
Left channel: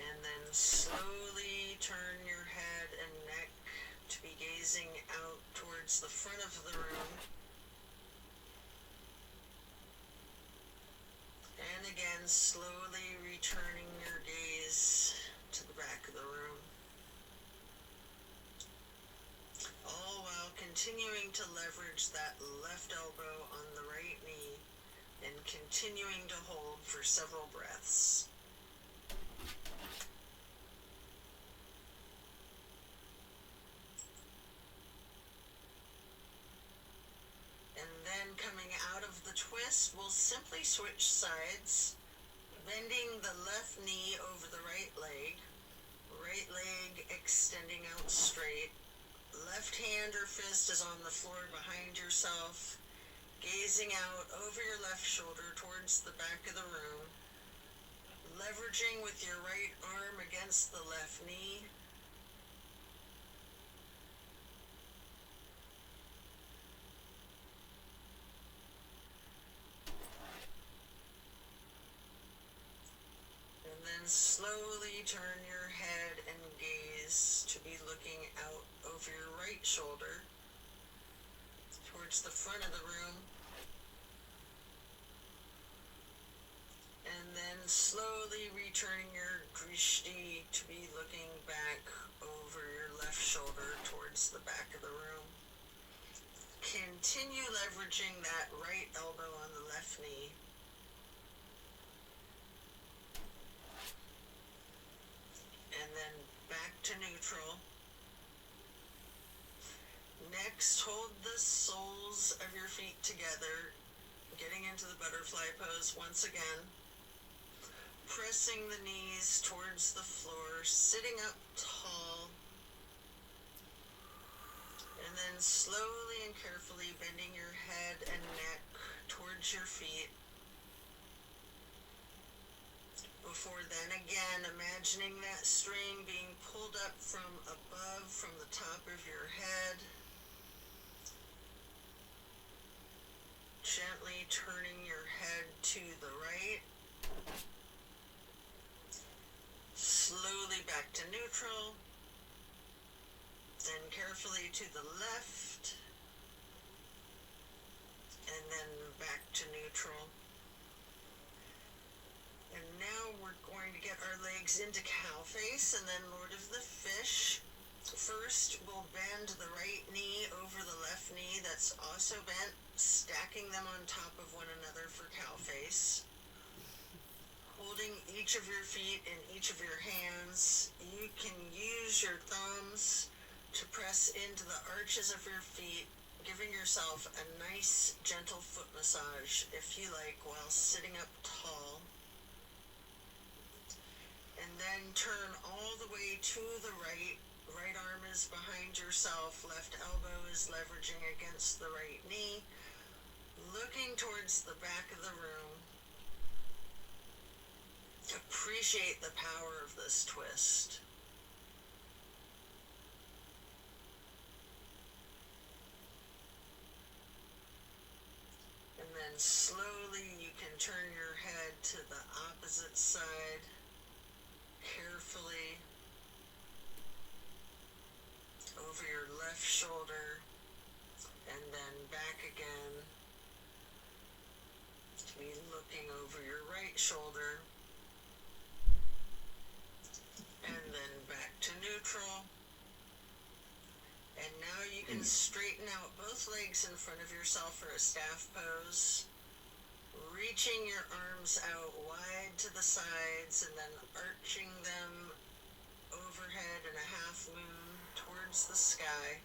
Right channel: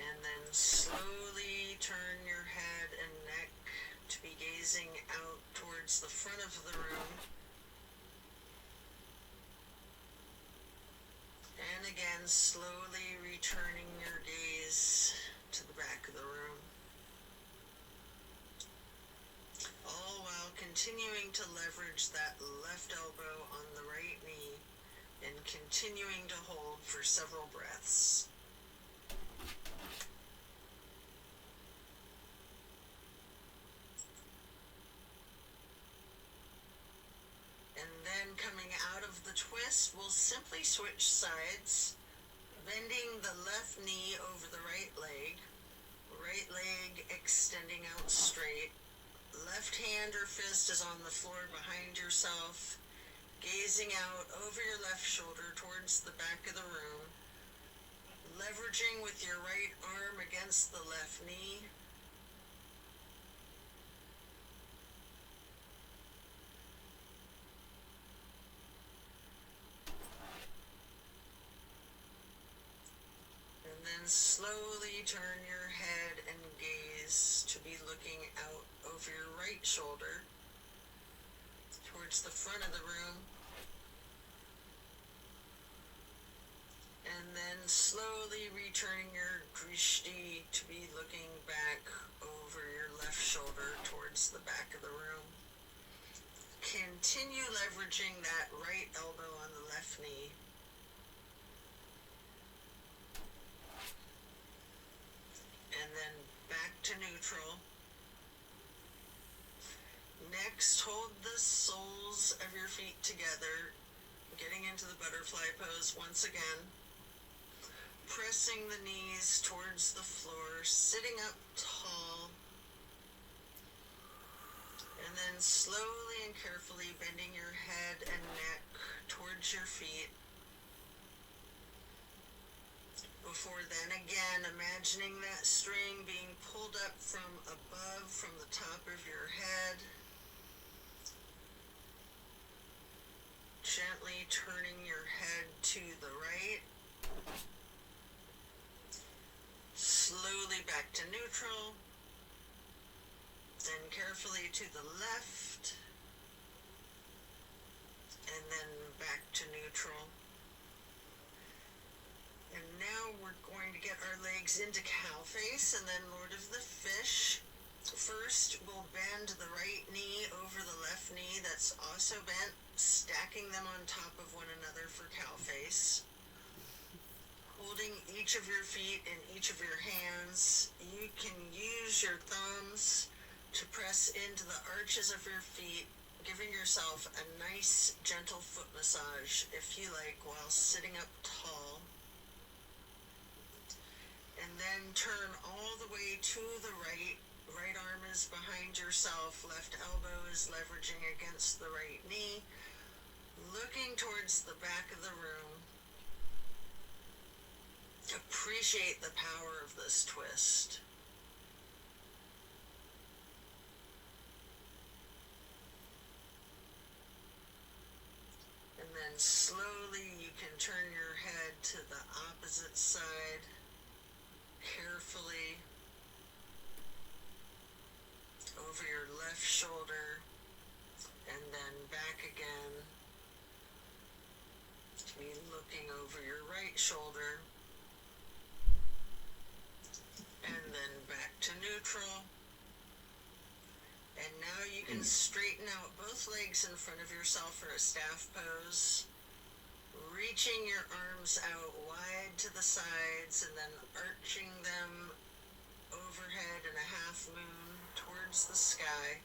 And then slowly turn your head and neck to be gazing out towards the front of the room. And again, slowly returning your gaze to the back of the room. All while continuing to leverage that left elbow on the right knee and continuing to hold for several breaths. And then coming out of the twist, we'll simply switch sides, bending the left knee over the right leg extending out straight. Left hand or fist is on the floor behind yourself, gazing out over your left shoulder towards the back of the room, leveraging with your right arm against the left knee. And then slowly turn your head and gaze to be looking out over your right shoulder towards the front of the room. And then slowly returning your drishti to be looking back over your left shoulder towards the back of the room. Continue leveraging that right elbow on the left knee. And then back to neutral. Next, hold the soles of your feet together, getting into the butterfly pose once again. Pressing the knees towards the floor, sitting up tall. And then slowly and carefully bending your head and neck towards your feet. Before then, again, imagining that string being pulled up from above, from the top of your head. Gently turning your head to the right. Slowly back to neutral. Then carefully to the left. And then back to neutral. And now we're going to get our legs into cow face and then Lord of the Fish. First, we'll bend the right knee over the left knee that's also bent, stacking them on top of one another for cow face. Holding each of your feet in each of your hands, you can use your thumbs to press into the arches of your feet, giving yourself a nice, gentle foot massage, if you like, while sitting up tall. And then turn all the way to the right. Right arm is behind yourself, left elbow is leveraging against the right knee, looking towards the back of the room. Appreciate the power of this twist. And then slowly you can turn your head to the opposite side, carefully, over your left shoulder, and then back again, to be looking over your right shoulder, and then back to neutral. And now you can straighten out both legs in front of yourself for a staff pose, reaching your arms out wide to the sides and then arching them overhead in a half moon towards the sky,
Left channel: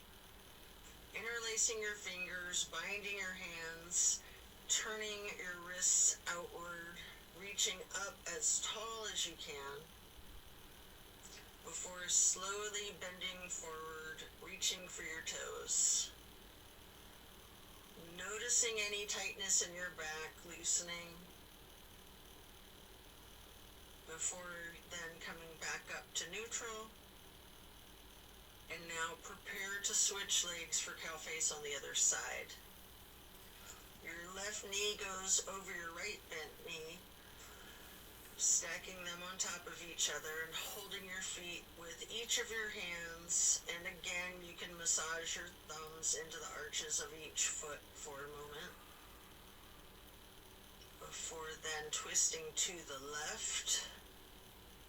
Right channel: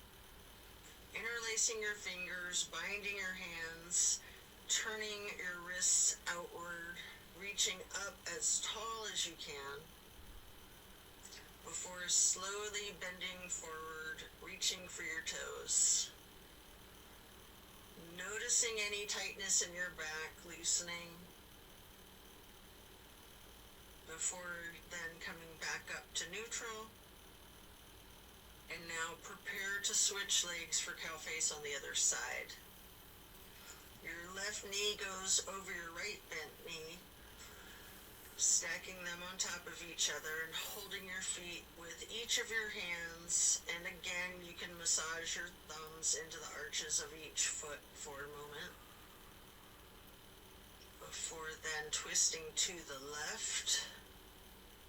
interlacing your fingers, binding your hands, turning your wrists outward, reaching up as tall as you can, before slowly bending forward, reaching for your toes. Noticing any tightness in your back, loosening, before then coming back up to neutral. And now prepare to switch legs for cow face on the other side. Your left knee goes over your right bent knee, stacking them on top of each other and holding your feet with each of your hands. And again, you can massage your thumbs into the arches of each foot for a moment. Before then twisting to the left.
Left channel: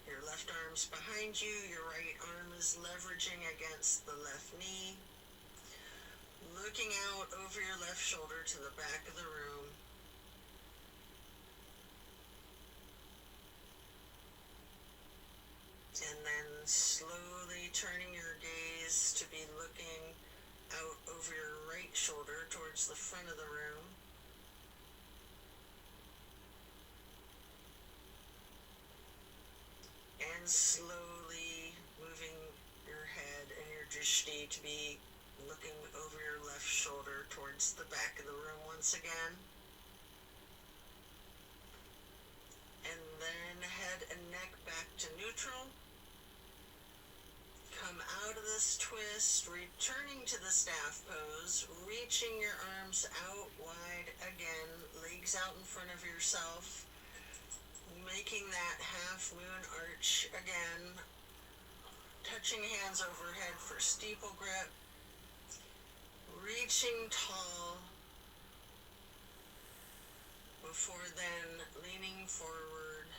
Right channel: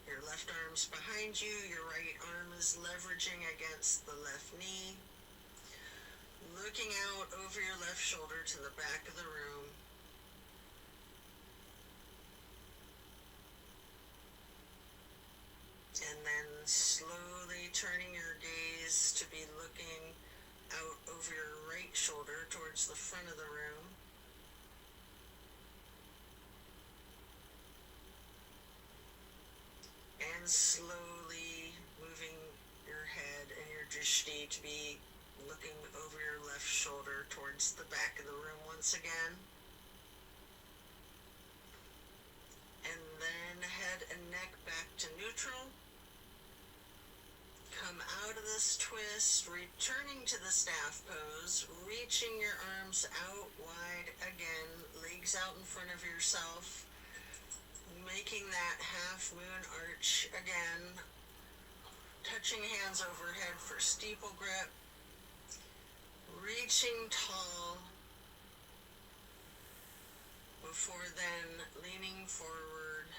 Your left arm's behind you, your right arm is leveraging against the left knee. Looking out over your left shoulder to the back of the room. And then slowly turning your gaze to be looking out over your right shoulder towards the front of the room. And slowly moving your head and your drishti to be looking over your left shoulder towards the back of the room once again. And then head and neck back to neutral. Come out of this twist, returning to the staff pose, reaching your arms out wide again, legs out in front of yourself. Making that half moon arch again, touching hands overhead for steeple grip, reaching tall, before then leaning forward,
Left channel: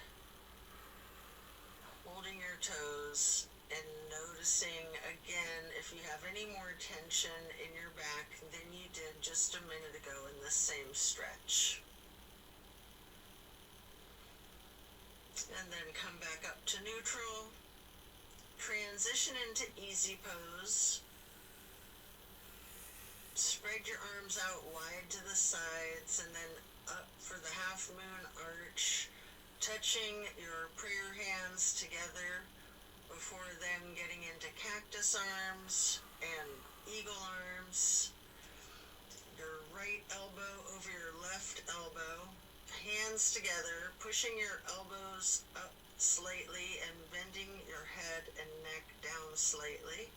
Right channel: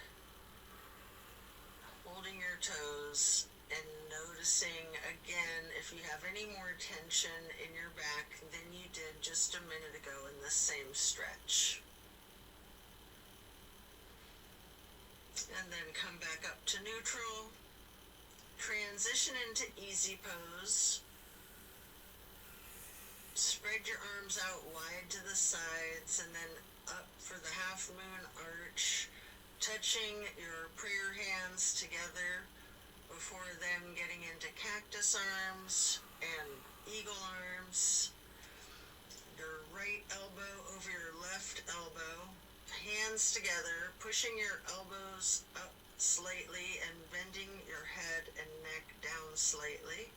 holding your toes, and noticing again if you have any more tension in your back than you did just a minute ago in this same stretch. And then come back up to neutral, transition into easy pose, spread your arms out wide to the sides and then up for the half moon arch, touching your prayer hands together before then getting into cactus arms and eagle arms, your right elbow over your left elbow, hands together, pushing your elbows up slightly and bending your head and neck down slightly.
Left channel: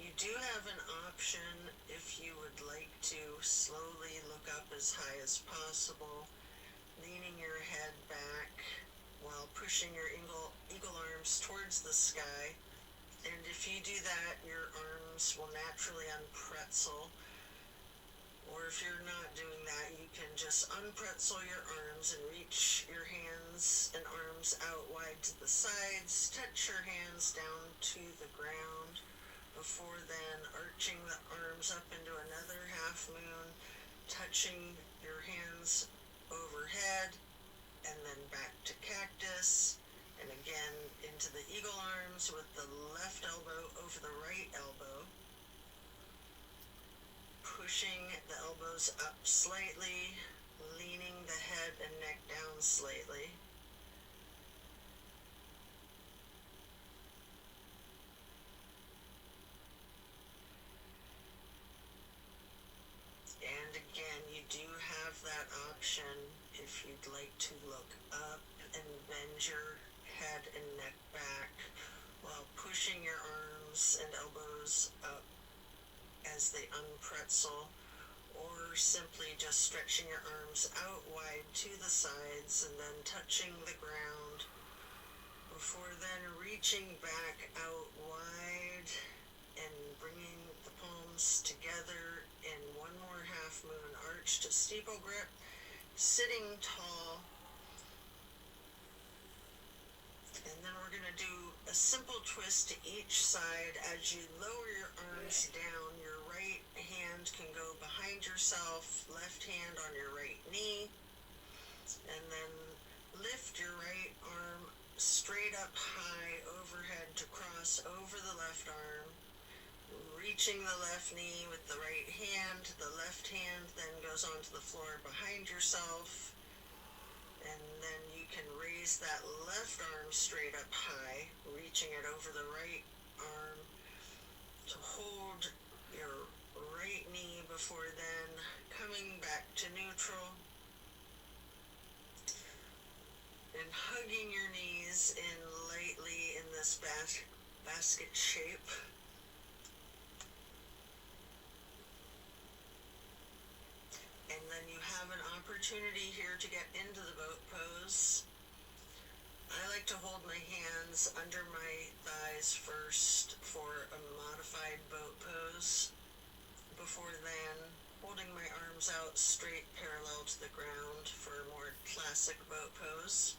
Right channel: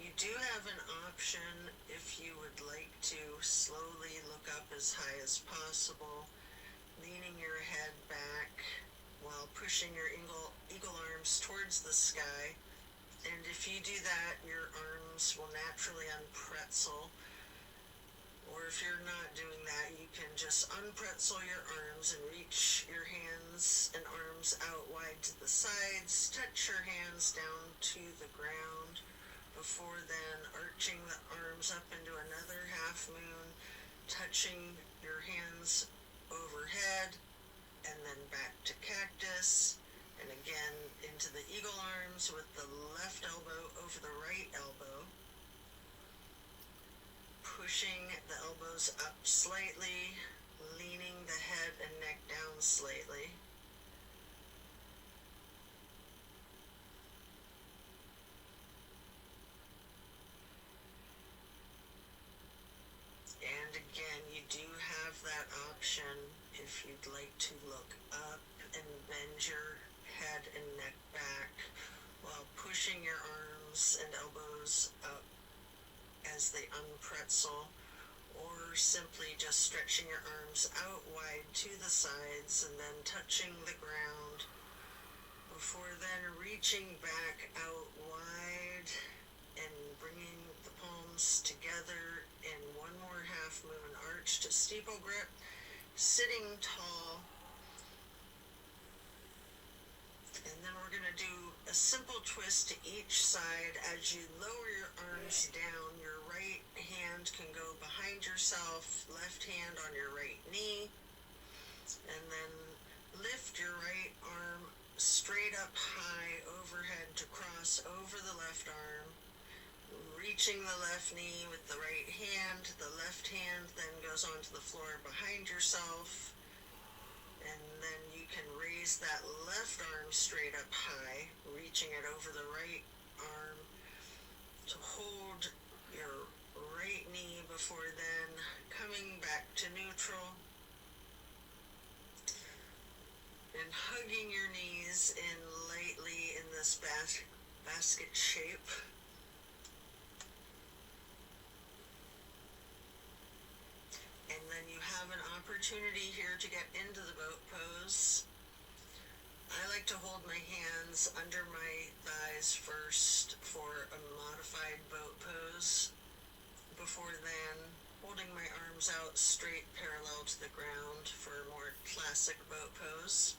You do have an option if you would like to slowly look up as high as possible, leaning your head back while pushing your eagle arms towards the sky. And if you do that, your arms will naturally unpretzel. Or if you're not doing that, you can just unpretzel your arms and reach your hands and arms out wide to the sides. Touch your hands down to the ground before then arching the arms up into another half moon, touching your hands overhead, and then back to cactus, and again into the eagle arms with the left elbow over the right elbow, pushing the elbows up slightly, leaning the head and neck down slightly. And again, you do have that option if you'd like to look up and bend your head and neck back while pushing your arms and elbows up as they unpretzel, or simply just stretching your arms out wide to the sides and then touching the ground before then reaching back out wide and bringing the palms together in one more half moon arch to steeple grip, sitting tall. And then we're going to do a simple twist to each side. As you lower your arms down, your right hand can go behind yourself, left hand on your right knee, and then lift your right arm straight up high overhead to cross over the left arm, reaching the left knee with the right hand. The left hand then goes onto the floor behind yourself, and then you can raise that left arm straight up high, reaching it over the right arm to hold your right knee before then coming back to neutral and hugging your knees in lightly in this basket shape. And then you have an opportunity here to get into the boat pose. I like to hold my hands under my thighs first for a modified boat pose. Before then, holding my arms out straight parallel to the ground for a more classic boat pose.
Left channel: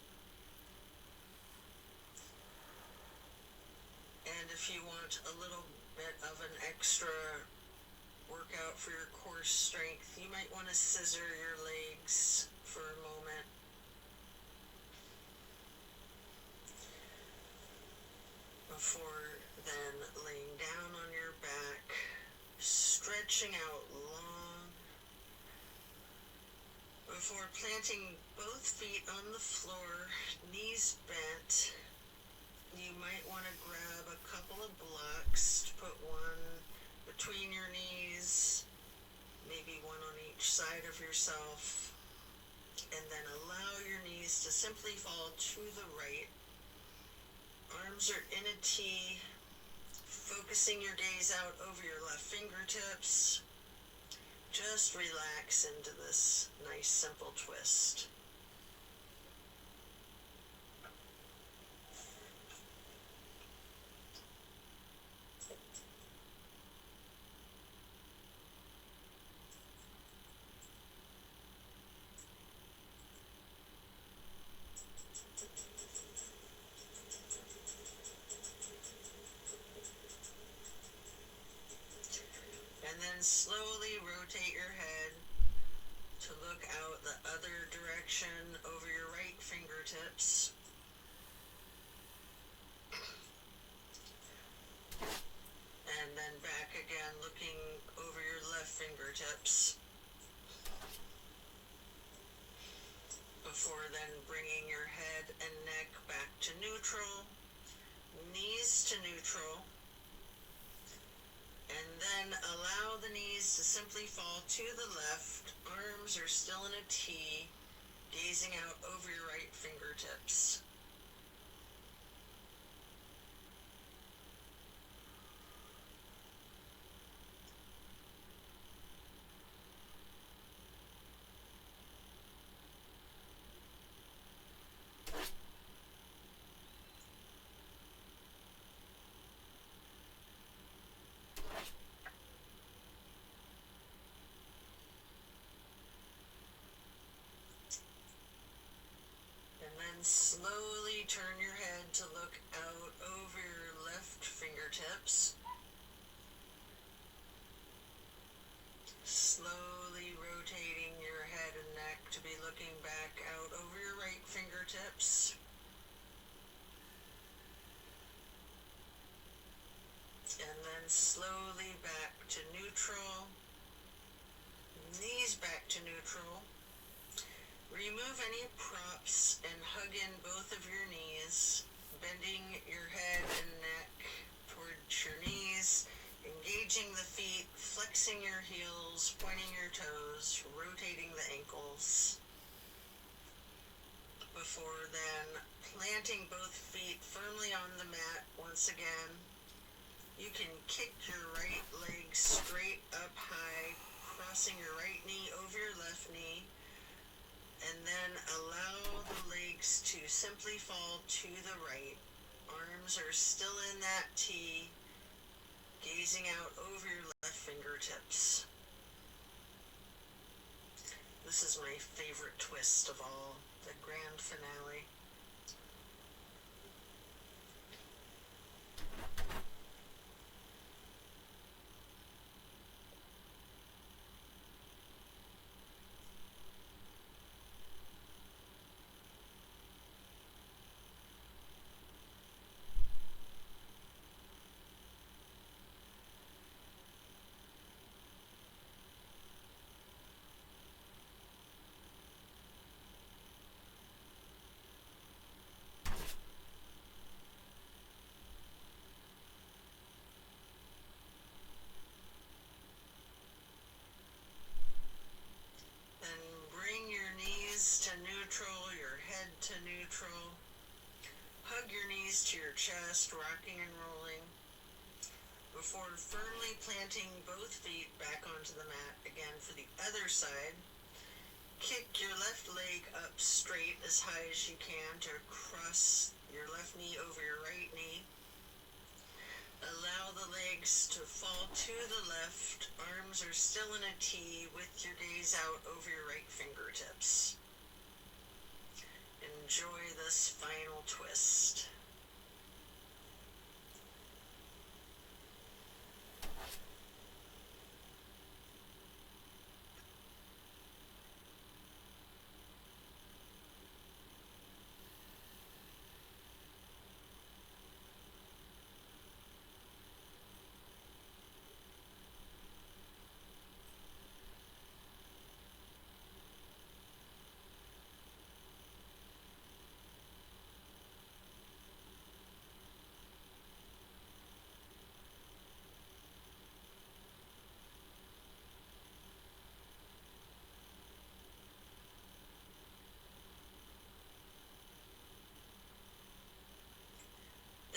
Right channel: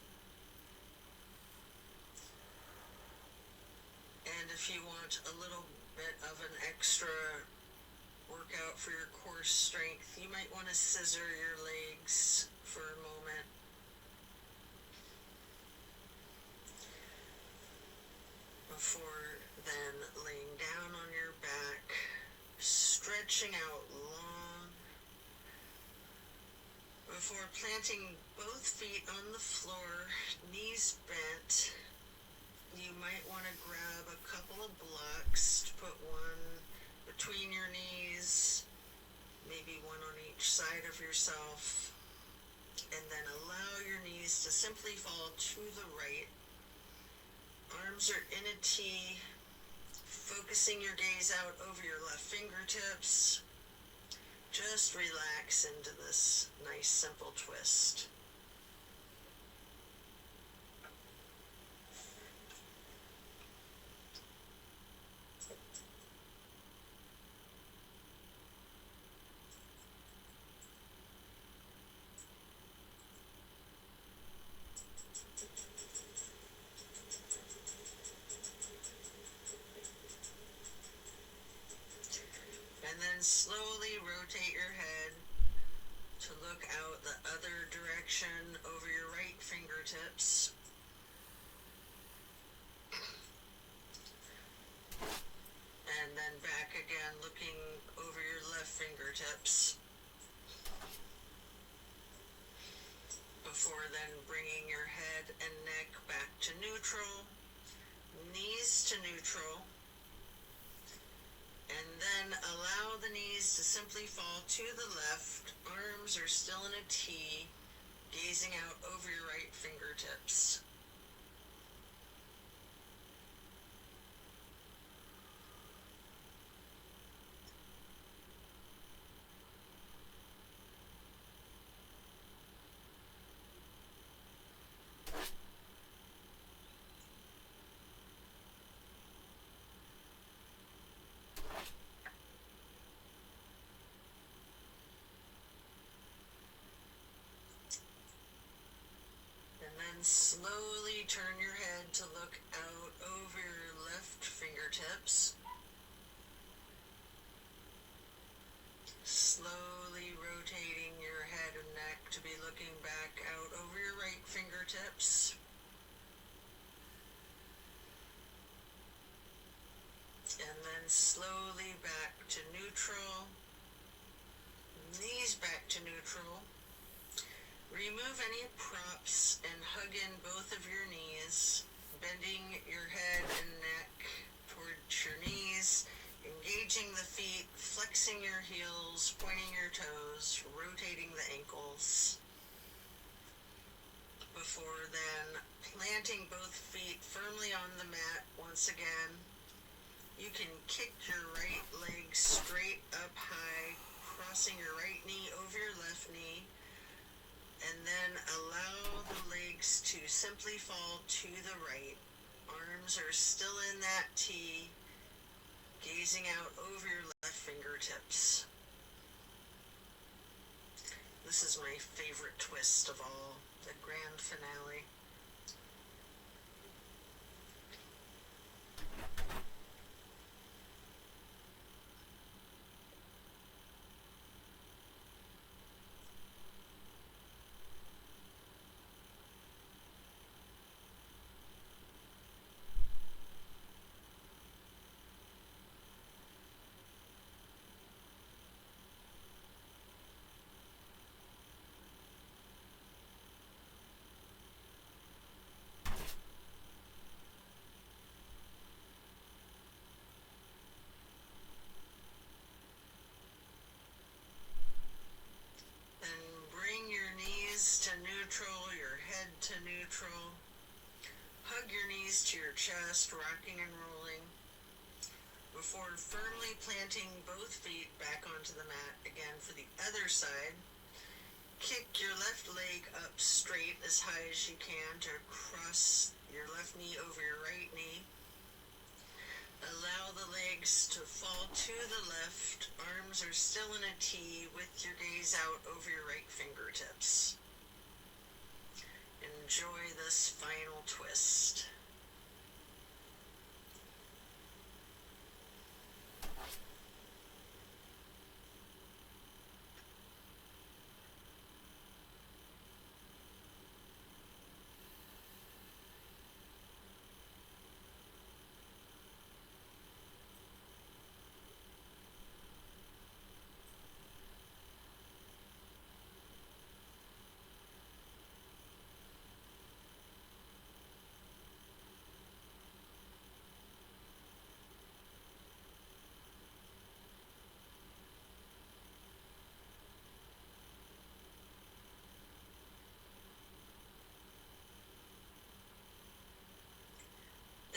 And if you want a little bit of an extra workout for your core strength, you might want to scissor your legs for a moment. Before then laying down on your back, stretching out long. Before planting both feet on the floor, knees bent, you might want to grab a couple of blocks to put one between your knees, maybe one on each side of yourself, and then allow your knees to simply fall to the right. Arms are in a T, focusing your gaze out over your left fingertips. Just relax into this nice simple twist. And then slowly rotate your head to look out the other direction over your right fingertips. And then back again, looking over your left fingertips. Before then bringing your head and neck back to neutral, knees to neutral, and then allow the knees to simply fall to the left. Arms are still in a T, gazing out over your right fingertips. And slowly turn your head to look out over your left fingertips. Slowly rotating your head and neck to be looking back out over your right fingertips. And then slowly back to neutral. Knees back to neutral. Remove any props and hug in both of your knees, bending your head and neck towards your knees, engaging the feet, flexing your heels, pointing your toes, rotating the ankles. Before then, planting both feet firmly on the mat once again. You can kick your right leg straight up high, crossing your right knee over your left knee. And then allow the legs to simply fall to the right. Arms are still in that T, gazing out over your left fingertips. This is my favorite twist of all, the grand finale. Your head to neutral. Hug your knees to your chest, rocking and rolling. Before firmly planting both feet back onto the mat again for the other side. Kick your left leg up straight as high as you can to cross your left knee over your right knee. Allow the legs to fall to the left. Arms are still in a T with your gaze out over your right fingertips. Enjoy this final twist.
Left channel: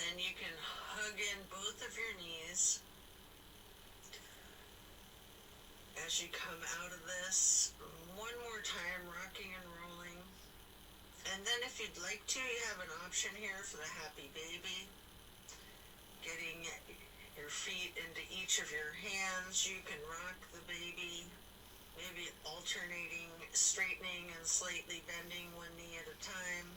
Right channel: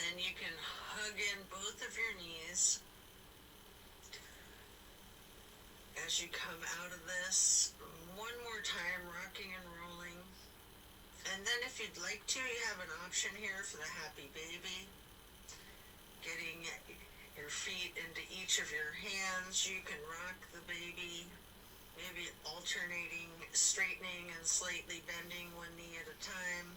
Then you can hug in both of your knees as you come out of this. One more time, rocking and rolling. And then if you'd like to, you have an option here for the happy baby. Getting your feet into each of your hands. You can rock the baby, maybe alternating, straightening and slightly bending one knee at a time.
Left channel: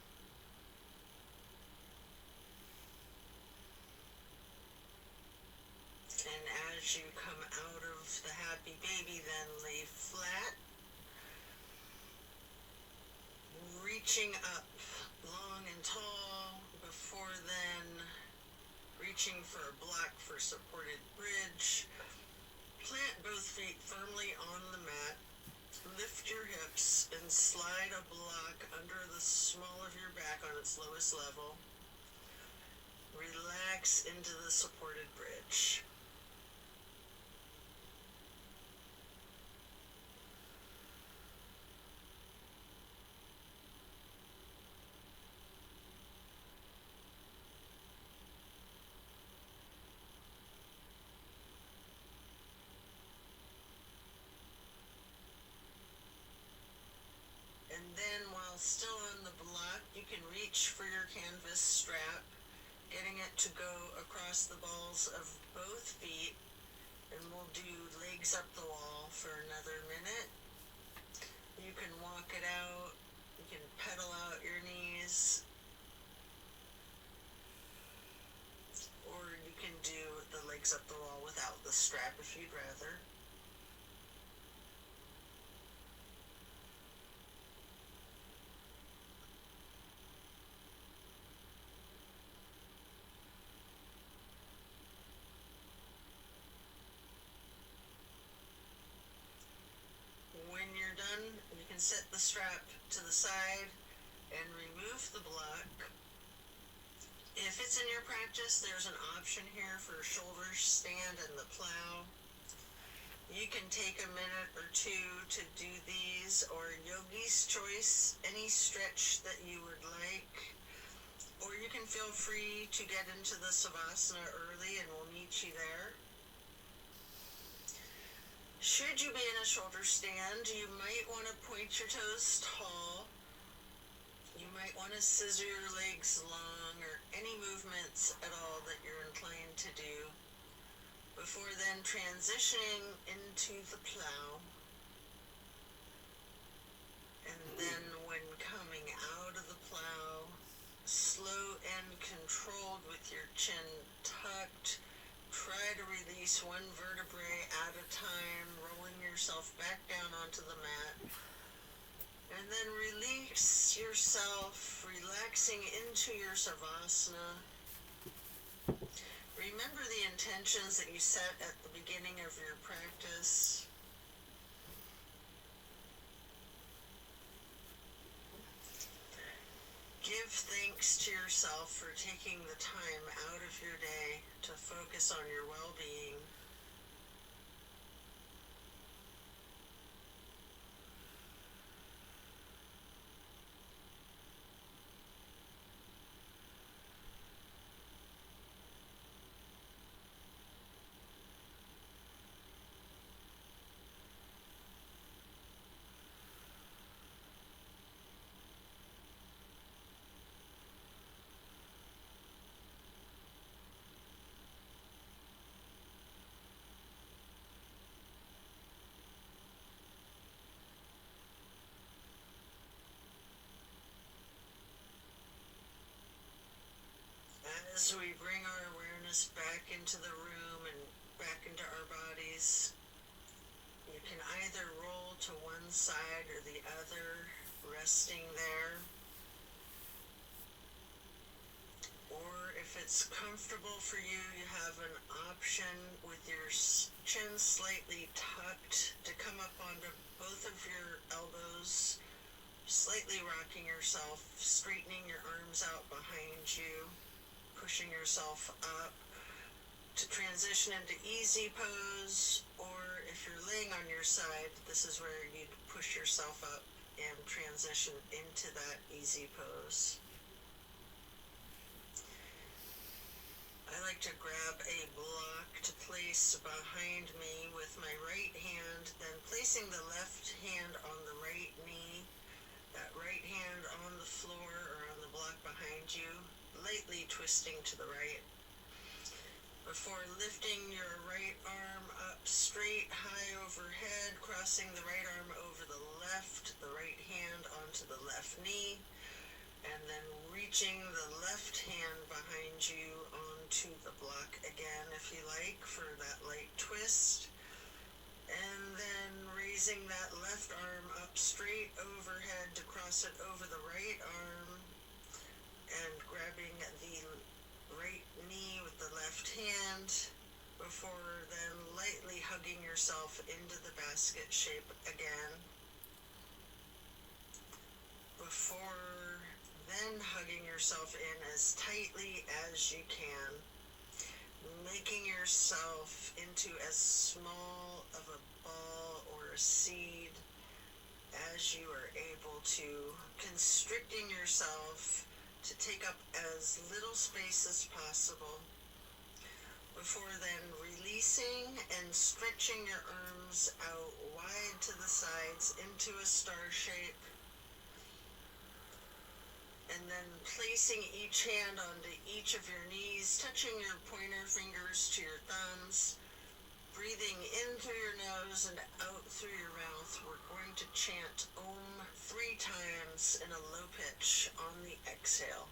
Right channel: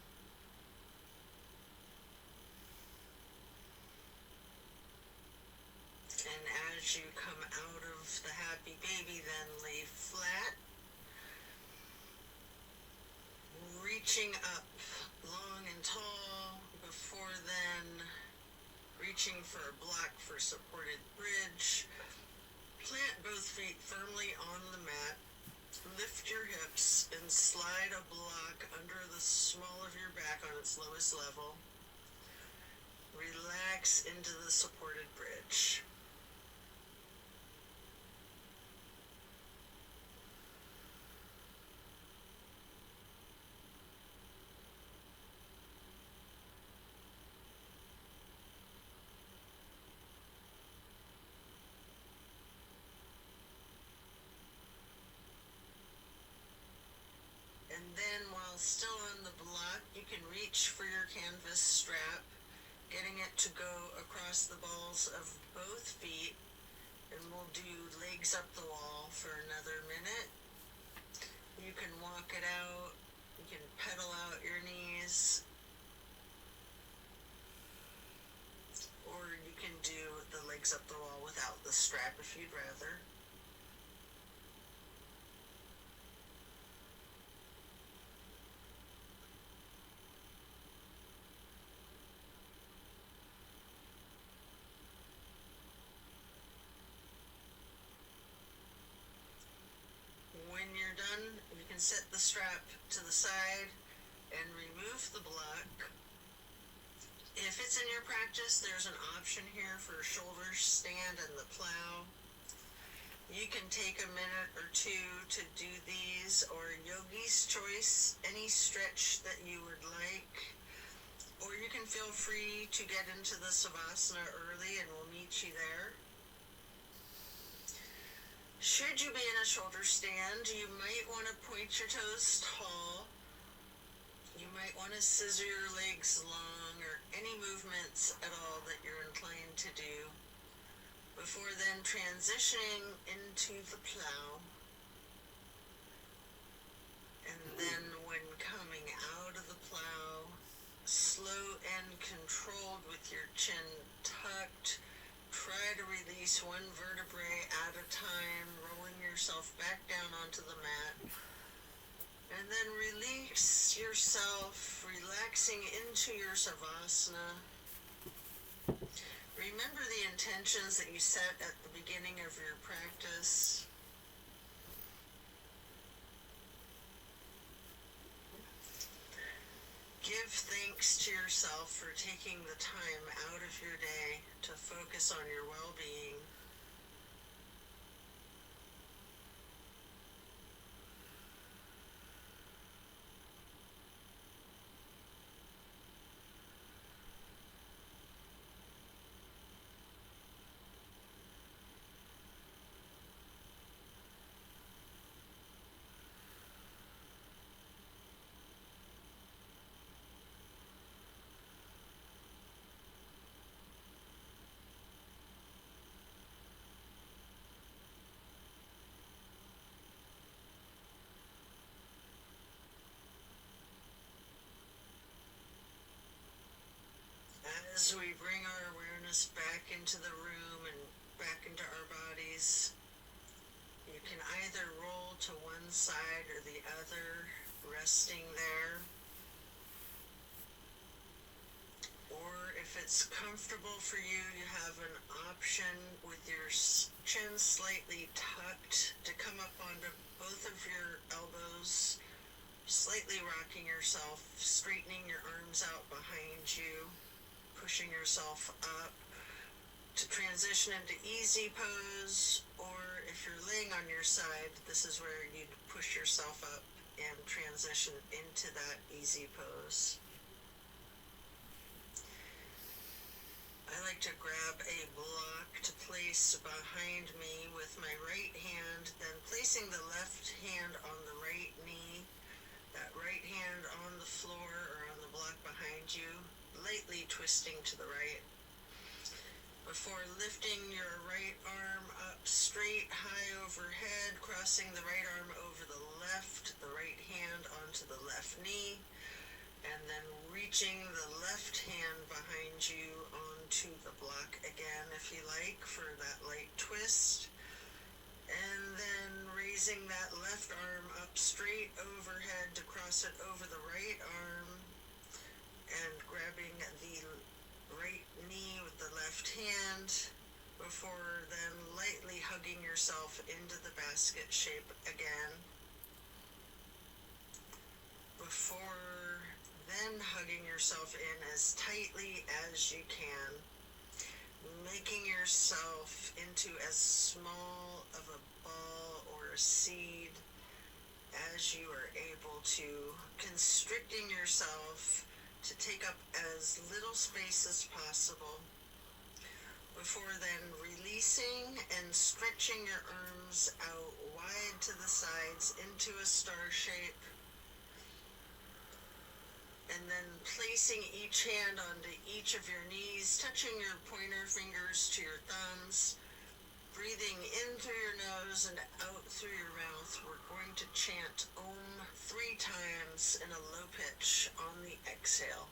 And as you come out of the happy baby, then lay flat, reaching up long and tall. Before then, reaching for a block for supported bridge. Plant both feet firmly on the mat. Lift your hips and slide a block under the small of your back on its lowest level. Relax into the supported bridge. And then while still on the block, you can reach for your canvas strap, getting it to go across the balls of both feet, and we'll do legs up the wall for another minute. You can walk it out, you can pedal out your knees, or you can do the legs up the wall without the strap if you'd rather. When you're done, you can set the strap to the side and remove the block. If it's in your practice, there's an option here for shoulder stand and the plow. You can take a minute or two to do these, or yogi's choice, any stretch that you would like. Or you can feel free to get into the savasana early and we'll meet you there. Should you be in a shoulder stand, you might want to point your toes tall. You might want to scissor your legs long, or any movements at all that you're inclined to do, before then transitioning into the plow. And then when coming out of the plow, slow and controlled with your chin tucked, try to release one vertebrae at a time, rolling yourself back down onto the mat. And then release yourself, relaxing into your savasana. Remember the intentions that you set at the beginning of your practice. Give thanks to yourself for taking the time out of your day to focus on your well-being. As we bring our awareness back into the room and back into our bodies, you can either roll to one side or the other, resting there. Or if it's comfortable for you, you have an option with your chin slightly tucked to come up onto both of your elbows, slightly rocking yourself, straightening your arms out behind you, pushing yourself up to transition into easy pose. Or if you're laying on your side, this is where you'd push yourself up and transition into that easy pose. I like to grab a block to place behind me with my right hand, then placing the left hand on the right knee, that right hand on the floor or on the block behind you, lightly twisting to the right. Before lifting your right arm up straight, high overhead, crossing the right arm over the left, the right hand onto the left knee, and then reaching the left hand behind you onto the block again, if you like, for that light twist. And then raising that left arm up straight overhead to cross it over the right arm, and grabbing the right knee with the left hand, before then lightly hugging yourself into the basket shape again. Before then hugging yourself in as tightly as you can, making yourself into as small of a ball or a seed as you are able to, constricting yourself to take up as little space as possible. Before then releasing and stretching your arms out wide to the sides into a star shape. And then placing each hand onto each of your knees, touching your pointer fingers to your thumbs, breathing in through your nose and out through your mouth. We're going to chant Om 3 times in a low pitch on the exhale.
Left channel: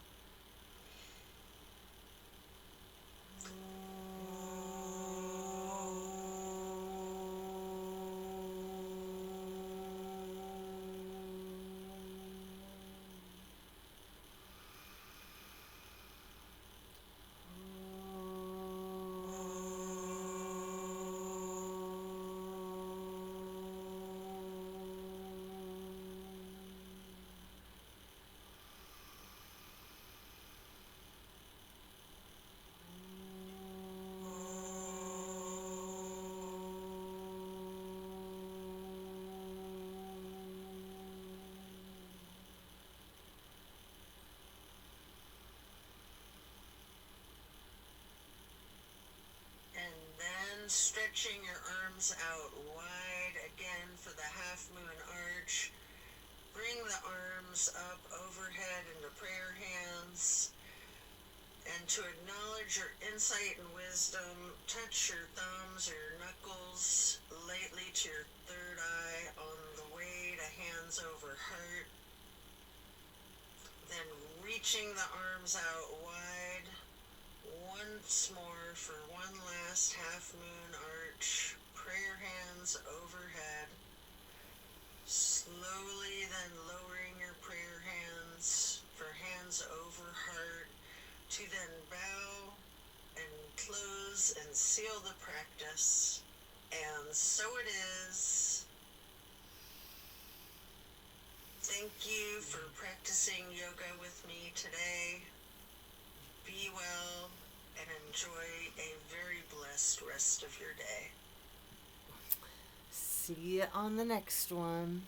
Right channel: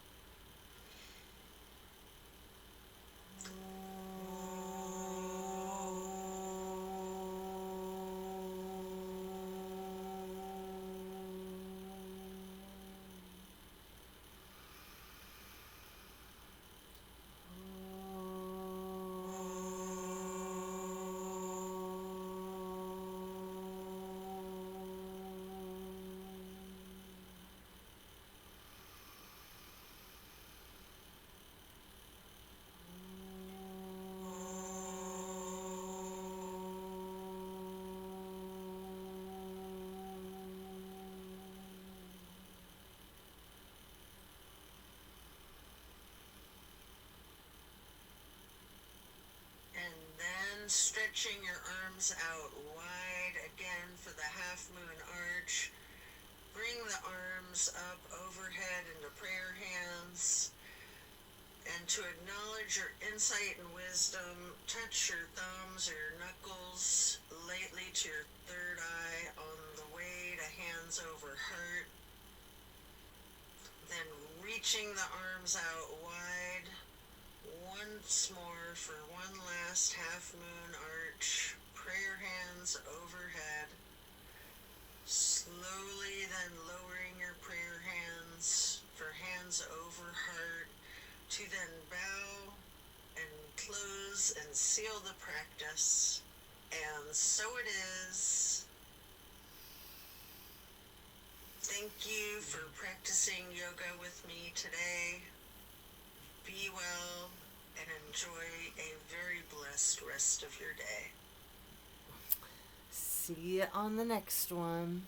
Stretching your arms out wide again for the half moon arch. Bring the arms up overhead into prayer hands. And to acknowledge your insight and wisdom, touch your thumbs or your knuckles lightly to your third eye on the way to hands over heart. Then reaching the arms out wide. Once more for one last half moon arch, prayer hands overhead. Slowly then lowering your prayer hands for hands over heart to then bow and close and seal the practice. And so it is. Thank you for practicing yoga with me today. Be well and enjoy a very blessed rest of your day. See you on the next one.